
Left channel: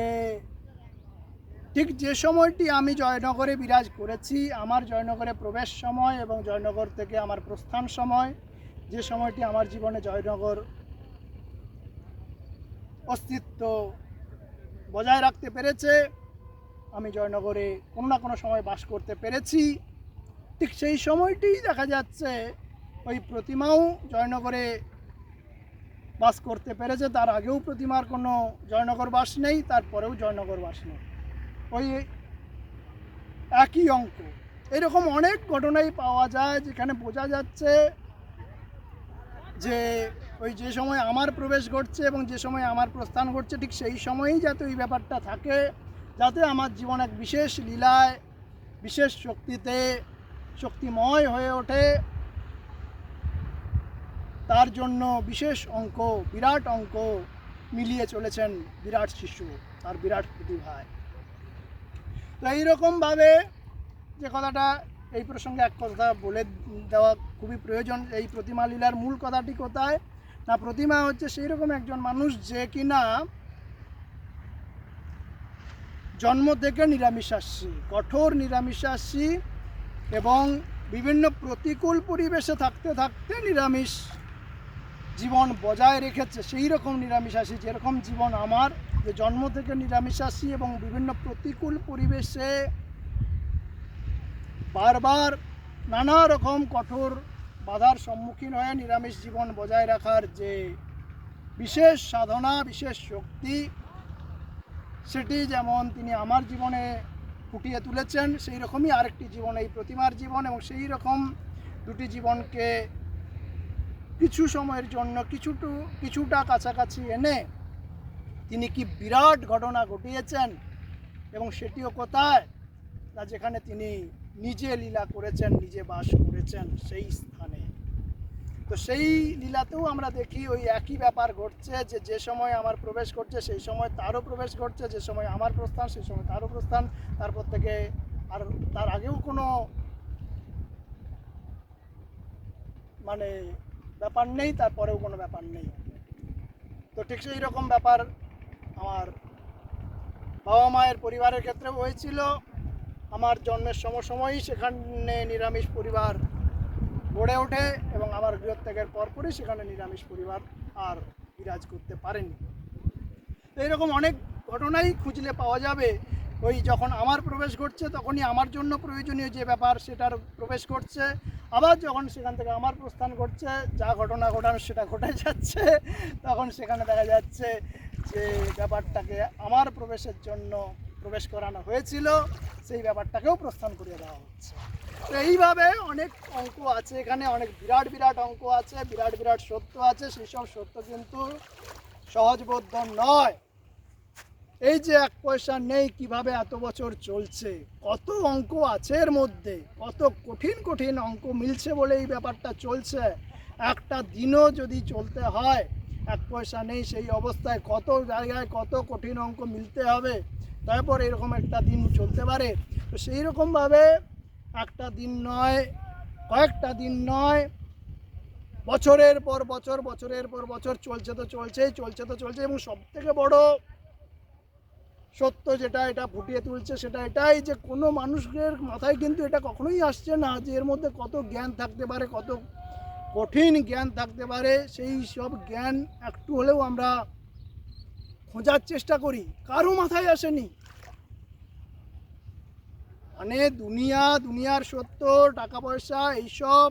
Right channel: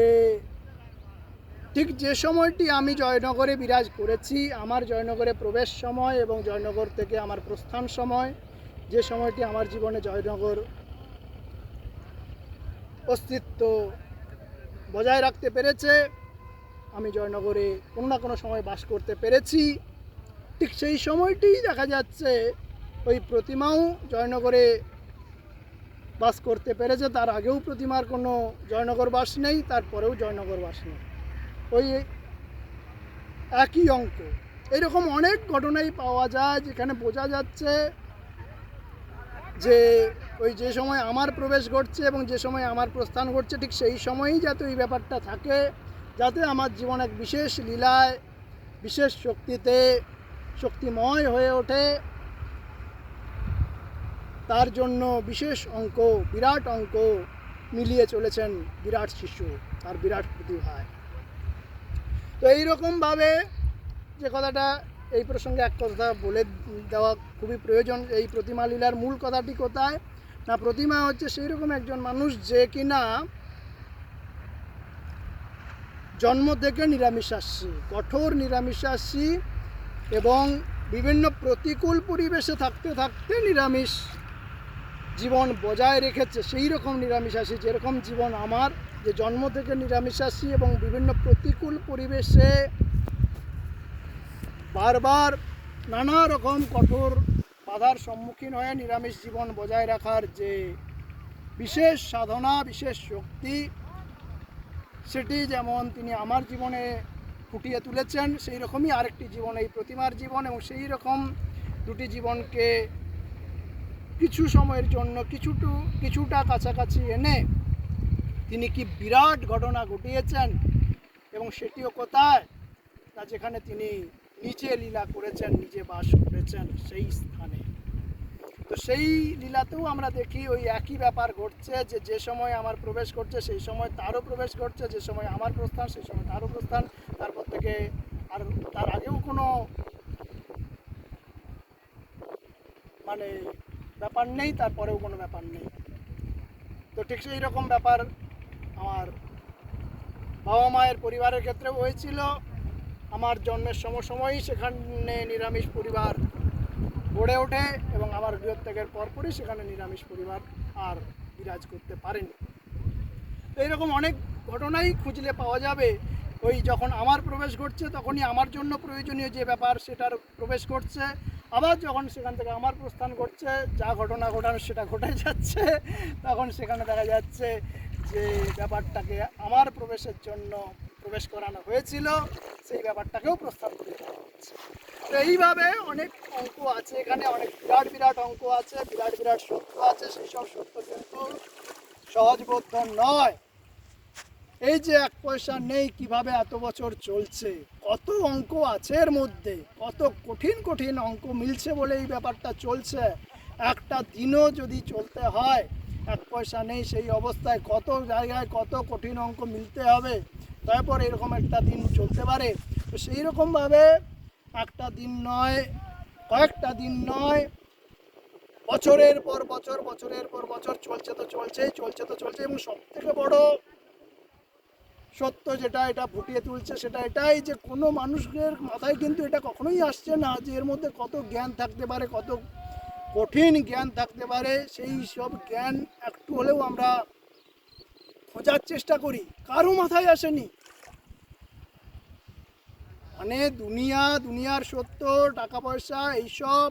ঠিক যে সময়টি আমি জয়নগরে বিরাজ করেছি, আমার জয়নগরে প্রবেশ সময় এবং জয়নগর থেকে আমার প্রস্থান সময়, যে সময়টি আমার জীবনে জয়নগর অস্তিত্ব বজায় রাখতে পেরেছে, আমি জয়নগরে কোনো না কোনো সময় বাস করতে পেরেছি, ঠিক সেই সময়টিই দেখা যাচ্ছে ওই প্রতিমাও জয়নগরে বাস করতে পেরেছে। তার আগেও প্রতিমার কোনো জয়নগর বাস নেই, তারপরেও জয়নগর বাস নেই, ওই একই অঙ্ক। এরকম অনেক ঘটনাই পাওয়া যায় যেখানে বোঝা যাচ্ছে যে ওই যে সময় আমার প্রবেশ ঘটছে এবং যে সময় আমার প্রস্থান ঘটছে, ঠিক সেই সময়ই যাতে ওই ব্যাপারটা থাকে, যাতে আমার জীবন এক বিশেষ লীলায়, বিশেষ শক্তিতে শক্তিময় হয়ে ওঠে, তার জন্য বিশেষ অঙ্ক, বিরাট অঙ্ক মিলিয়ে চলেছেন বিরাট শিশু আর বিরাট প্রতিভায়। তো এইরকমভাবে যে কথাটা, এই প্রসঙ্গে এক কথা বলে দেওয়া খুবই প্রয়োজন। এই প্রতিমা লীলার মূল কথাটি কোথায় না, প্রতিমা হচ্ছে সেই রকম একজন মানুষ যে কিনা জন্ম থেকে নিরামিষাশী, কঠোর নিরামিষাশী, এবং বিভিন্ন প্রতিকূল পরিবেশে থাকতে থাকতে নিরামিষ জীবন বজায় রেখেছে। সেই রকম নিরামিষাশী, যেরকম জীবন আমার, যে জন্ম থেকে নিরামিষাশী এবং বিভিন্ন প্রতিকূল পরিবেশে বারবার নানা রকম কঠোর বাধার সম্মুখীন হয়ে নিরামিষ জীবন বজায় রাখার যে বিশেষ সাধনা, বিশেষ শক্তি, সেটি যেমন তিনি আমার জীবনে ফুটিয়ে তুলেছেন, সেই রকমই আরেকটি জীবন এই প্রতিমার জীবন। এবং সেই রকম দুটি জীবনকে কিছু সময়ের জন্য কিছুটা কাছাকাছি এনে তিনি কি বিরাট ঘটনা ঘটিয়েছেন, এবং সেটিও কোথায় না, যেখানে তিনি নিজে লীলা করেছেন, নিজে বাস করেছেন সেই স্থানে। তো সেই লীলাতেও আমরা দেখি ওই একই ব্যাপার ঘটছে, যে যে সময় আমার প্রবেশ ঘটছে সেই সময় তারও প্রবেশ ঘটছে, যে সময় আমার প্রস্থান সেই সময় তারও প্রস্থান, তারপর থেকে আর তার আগেও কোনো মানে ব্যাপার নেই, তারপরেও কোনো ব্যাপার নেই। তো ঠিক সেই রকম ব্যাপার আমার বাবা মায়ের পরিবারের ক্ষেত্রেও হয়েছিল। আমার জন্মের সময়ই সেখানে নিরামিষ পরিবার গড়ে ওঠে এবং আমার গৃহত্যাগের পরপরই সেখানে নিরামিষ পরিবার আর বিরাজ করতে পারেনি। তো এইরকম অনেক ঘটনাই খুঁজলে পাওয়া যাবে। ওই যখন আমার প্রবেশ ঘটছে তখনই আমার জন্য প্রয়োজনীয় যে ব্যাপার সেটার প্রবেশ ঘটছে, আবার যখন সেখান থেকে আমার প্রস্থান ঘটছে, যা ঘটনা ঘটানোর সেটা ঘটে যাচ্ছে, তখন সেখানে দেখা যাচ্ছে যে ব্যাপারটাকে আমার প্রবেশের জন্য প্রবেশ করানো হয়েছিল, সেই ব্যাপারটাকেও প্রস্থান করিয়ে দেওয়া হচ্ছে। তো এইভাবে অনেক অঙ্ক আছে এখানে, অনেক বিরাট বিরাট অঙ্ক আছে, বিরাট বিরাট সত্য আছে। সেই সব সত্য কিন্তু সহজবোধ্য নয়। এই যে এক পয়সা নেই কিভাবে এত বছর চলছে, কত অঙ্ক আছে এর মধ্যে, কত কঠিন কঠিন অঙ্ক মিলছে বলে এই ব্যাপারটা চলছে। একটা দিনও যদি চলতে হয়, এক পয়সা নেই সেই অবস্থায় কত জায়গায় কত কঠিন অঙ্ক মিলতে হবে, তারপর এরকম একটা দিন চলতে পারে। তো সেই রকমভাবে একটা দিন নয়, কয়েকটা দিন নয়, বছরের পর বছর, বছরের পর বছর চলছে তো চলছেই, চলছে তো চলছে। এবং সবথেকে বড় সত্য যেটা এটা ফুটিয়ে তুলছে সেটা এটাই যে কোনো মানুষের মাথায় কিন্তু এটা কখনোই আসছে না যে এর মধ্যে কত জ্ঞান থাকতে পারে, কত কঠিন জ্ঞান থাকতে পারে, সেই সব জ্ঞান একটু হলেও আমরা খোঁজার চেষ্টা করি, কারো মাথায় আসেনি। মানে দুনিয়ার সত্য, টাকা পয়সা এইসব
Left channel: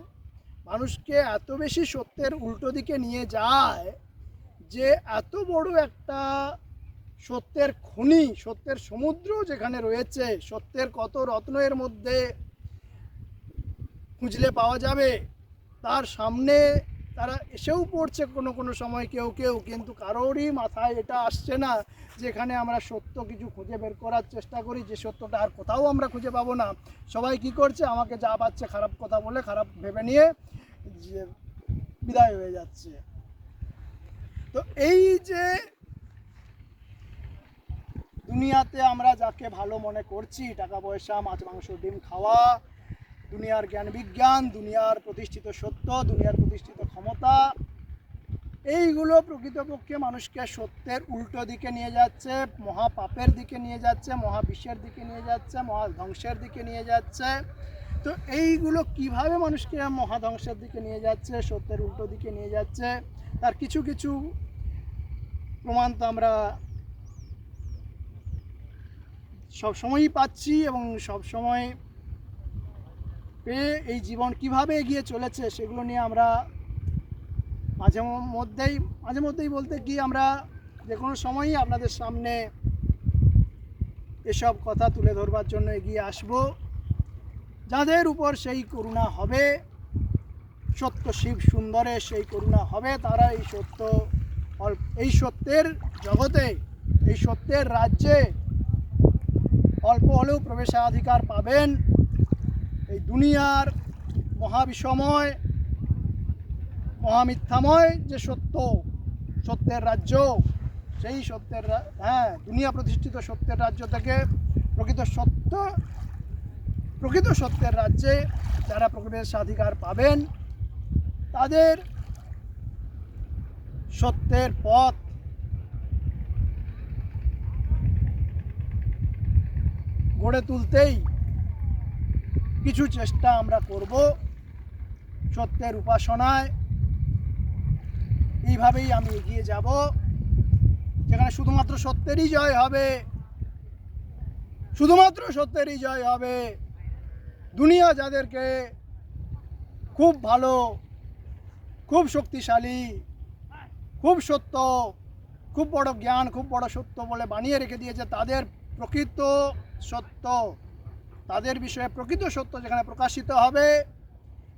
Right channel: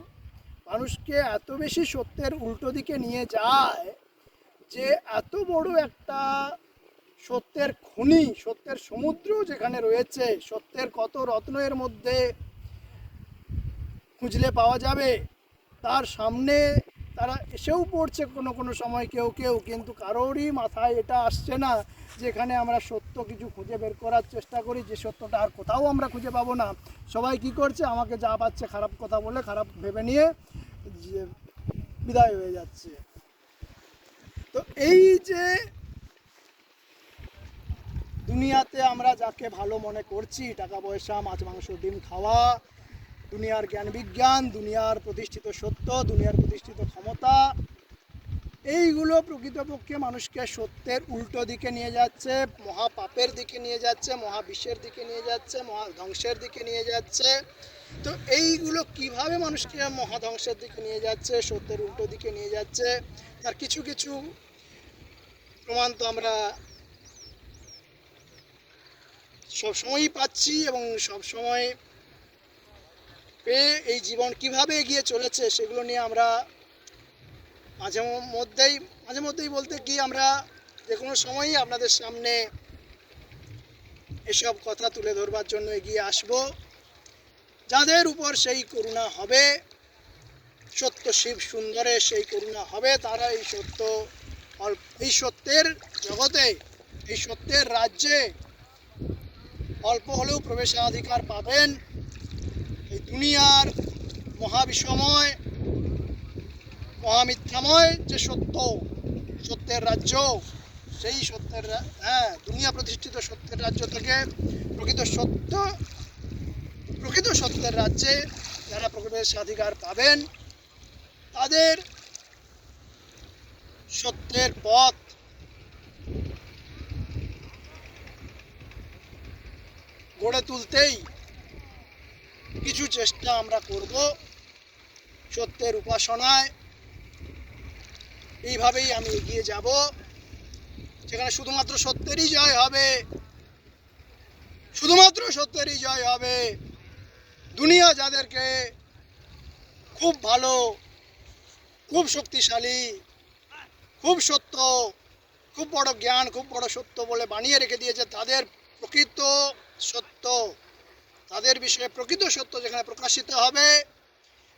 মানুষকে এত বেশি সত্যের উল্টো দিকে নিয়ে যায় যে এত বড় একটা সত্যের খনি, সত্যের সমুদ্র যেখানে রয়েছে, সত্যের কত রত্ন এর মধ্যে খুঁজলে পাওয়া যাবে, তার সামনে তারা এসেও পড়ছে কোনো সময় কেউ কেউ, কিন্তু কারোরই মাথায় এটা আসছে না যে এখানে আমরা সত্য কিছু খুঁজে বের করার চেষ্টা করি, যে সত্যটা আর কোথাও আমরা খুঁজে পাবো না। সবাই কি করছে, আমাকে যা পাচ্ছে খারাপ কথা বলে, খারাপ ভেবে নিয়ে যে বিদায় হয়ে যাচ্ছে। তো এই যে দুনিয়াতে আমরা যাকে ভালো মনে করছি, টাকা পয়সা, মাছ মাংস ডিম খাওয়া, দুনিয়ার জ্ঞান বিজ্ঞান, দুনিয়ার প্রতিষ্ঠিত সত্য, দুনিয়ার প্রতিষ্ঠিত ক্ষমতা, এইগুলো প্রকৃতপক্ষে মানুষকে সত্যের উল্টো দিকে নিয়ে যাচ্ছে, মহাপাপের দিকে নিয়ে যাচ্ছে, মহাবিশ্বের দিকে নিয়ে যাচ্ছে, মহাধ্বংসের দিকে নিয়ে যাচ্ছে। তো এইগুলো কিভাবে মানুষকে মহাধ্বংসের দিকে নিয়ে যাচ্ছে, সত্যের উল্টো দিকে নিয়ে যাচ্ছে, তার কিছু কিছু প্রমাণ তো আমরা সবসময়ই পাচ্ছি, এবং সবসময় পেয়ে এই জীবন কিভাবে এগিয়ে চলেছে সেগুলো নিয়ে আমরা মাঝে মধ্যেই বলতে কি, আমরা যে কোনো সময়ই আপনাদের সামনে এসব কথা তুলে ধরবার জন্য এগিয়ে আসব। যাদের উপর সেই করুণা হবে, সত্য শিব সুন্দরে সেই করুণা হবে, তারা এই সত্যের জগতে, এই সত্যের রাজ্যে অল্প হলেও প্রবেশাধিকার পাবেন। এই দুনিয়ার মহাবিষময়, মহামিথ্যাময় যে সত্যের রাজ্য, সেই দুনিয়া প্রতিষ্ঠিত সত্যের রাজ্য থেকে প্রকৃত সত্যের রাজ্যে যারা প্রবেশাধিকার পাবেন, তাদের সত্যের পথ গড়ে তুলতেই কিছু চেষ্টা আমরা করব, সত্যের উপাসনায়। এইভাবেই আমি এগিয়ে যাব, যেখানে শুধুমাত্র সত্যেরই জয় হবে, শুধুমাত্র সত্যেরই জয় হবে। দুনিয়া যাদেরকে খুব ভালো, খুব শক্তিশালী, খুব সত্য, খুব বড় জ্ঞান, খুব বড় সত্য বলে বানিয়ে রেখে দিয়েছে, তাদের প্রকৃত সত্য, তাদের বিষয়ে প্রকৃত সত্য যেখানে প্রকাশিত হবে,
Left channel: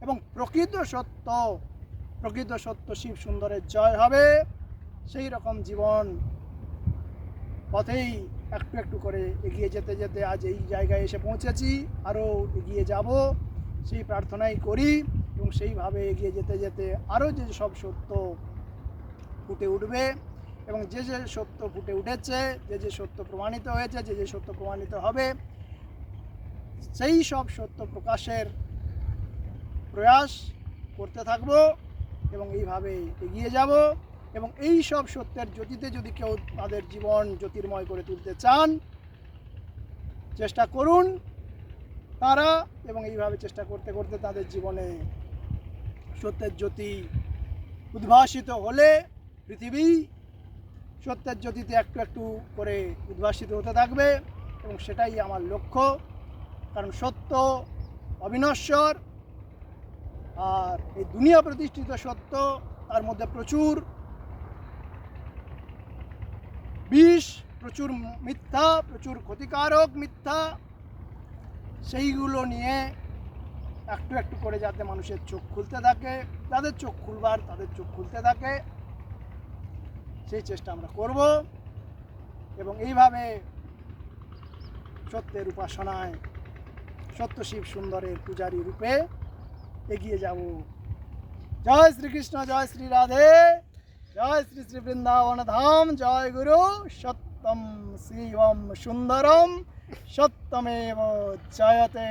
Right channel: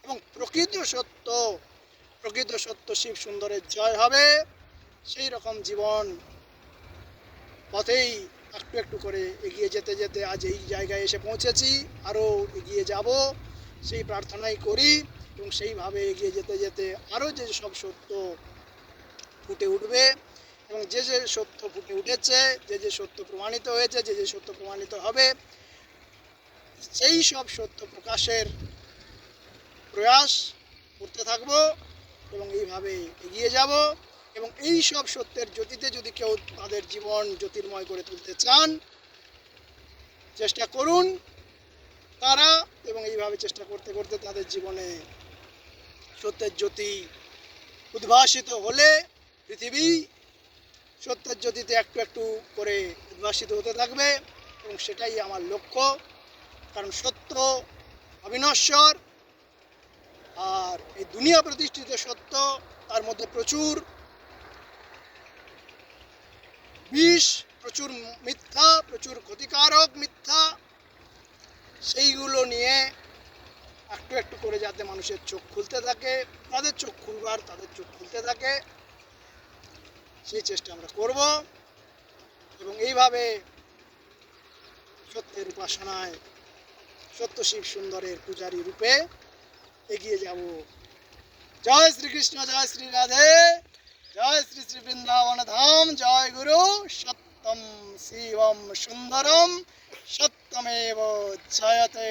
এবং প্রকৃত সত্য শিব সুন্দরের জয় হবে, সেই রকম জীবন পথেই একটু একটু করে এগিয়ে যেতে যেতে আজ এই জায়গায় এসে পৌঁছেছি। আরও এগিয়ে যাব সেই প্রার্থনাই করি, এবং সেইভাবে এগিয়ে যেতে যেতে আরও যে সব সত্য ফুটে উঠবে, এবং যে সত্য ফুটে উঠেছে, যে সত্য প্রমাণিত হয়েছে, যে সত্য প্রমাণিত হবে, সেই সব সত্য প্রকাশের প্রয়াস করতে থাকব, এবং এইভাবে এগিয়ে যাব। এবং এই সব সত্যের জ্যোতিতে যদি কেউ তাদের জীবন জ্যোতির্ময় করে তুলতে চান, চেষ্টা করুন তারা, এবং এইভাবে চেষ্টা করতে করতে তাদের জীবনে সত্যের জ্যোতি উদ্ভাসিত হলে পৃথিবী সত্যের জ্যোতিতে একটু একটু করে উদ্ভাসিত হতে থাকবে, এবং সেটাই আমার লক্ষ্য। কারণ সত্য অবিনশ্বর, আর এই দুনিয়া প্রতিষ্ঠিত সত্য, তার মধ্যে প্রচুর বিষ, প্রচুর মিথ্যা, প্রচুর ক্ষতিকারক মিথ্যা, সেইগুলো নিয়ে একটু একটু করে যাতে মানুষের চোখ খুলতে থাকে, তাদের চোখ খুলতে থাকে, সেই চেষ্টা আমরা করব, এবং এইভাবে সত্যের উপাসনায় সত্য শিব সুন্দরের পূজারী রূপে এগিয়ে যাব। জয় শ্রীকৃষ্ণ, জয় শ্রী রাধে, জয় শ্রী শ্রী বৃন্দাবন ধাম, জয় গুরু। সত্যম শিবম সুন্দরম, সত্যমেব জয়তে,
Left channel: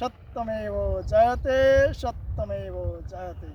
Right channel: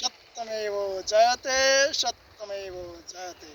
সত্যমেব জয়তে, সত্যমেব জয়তে।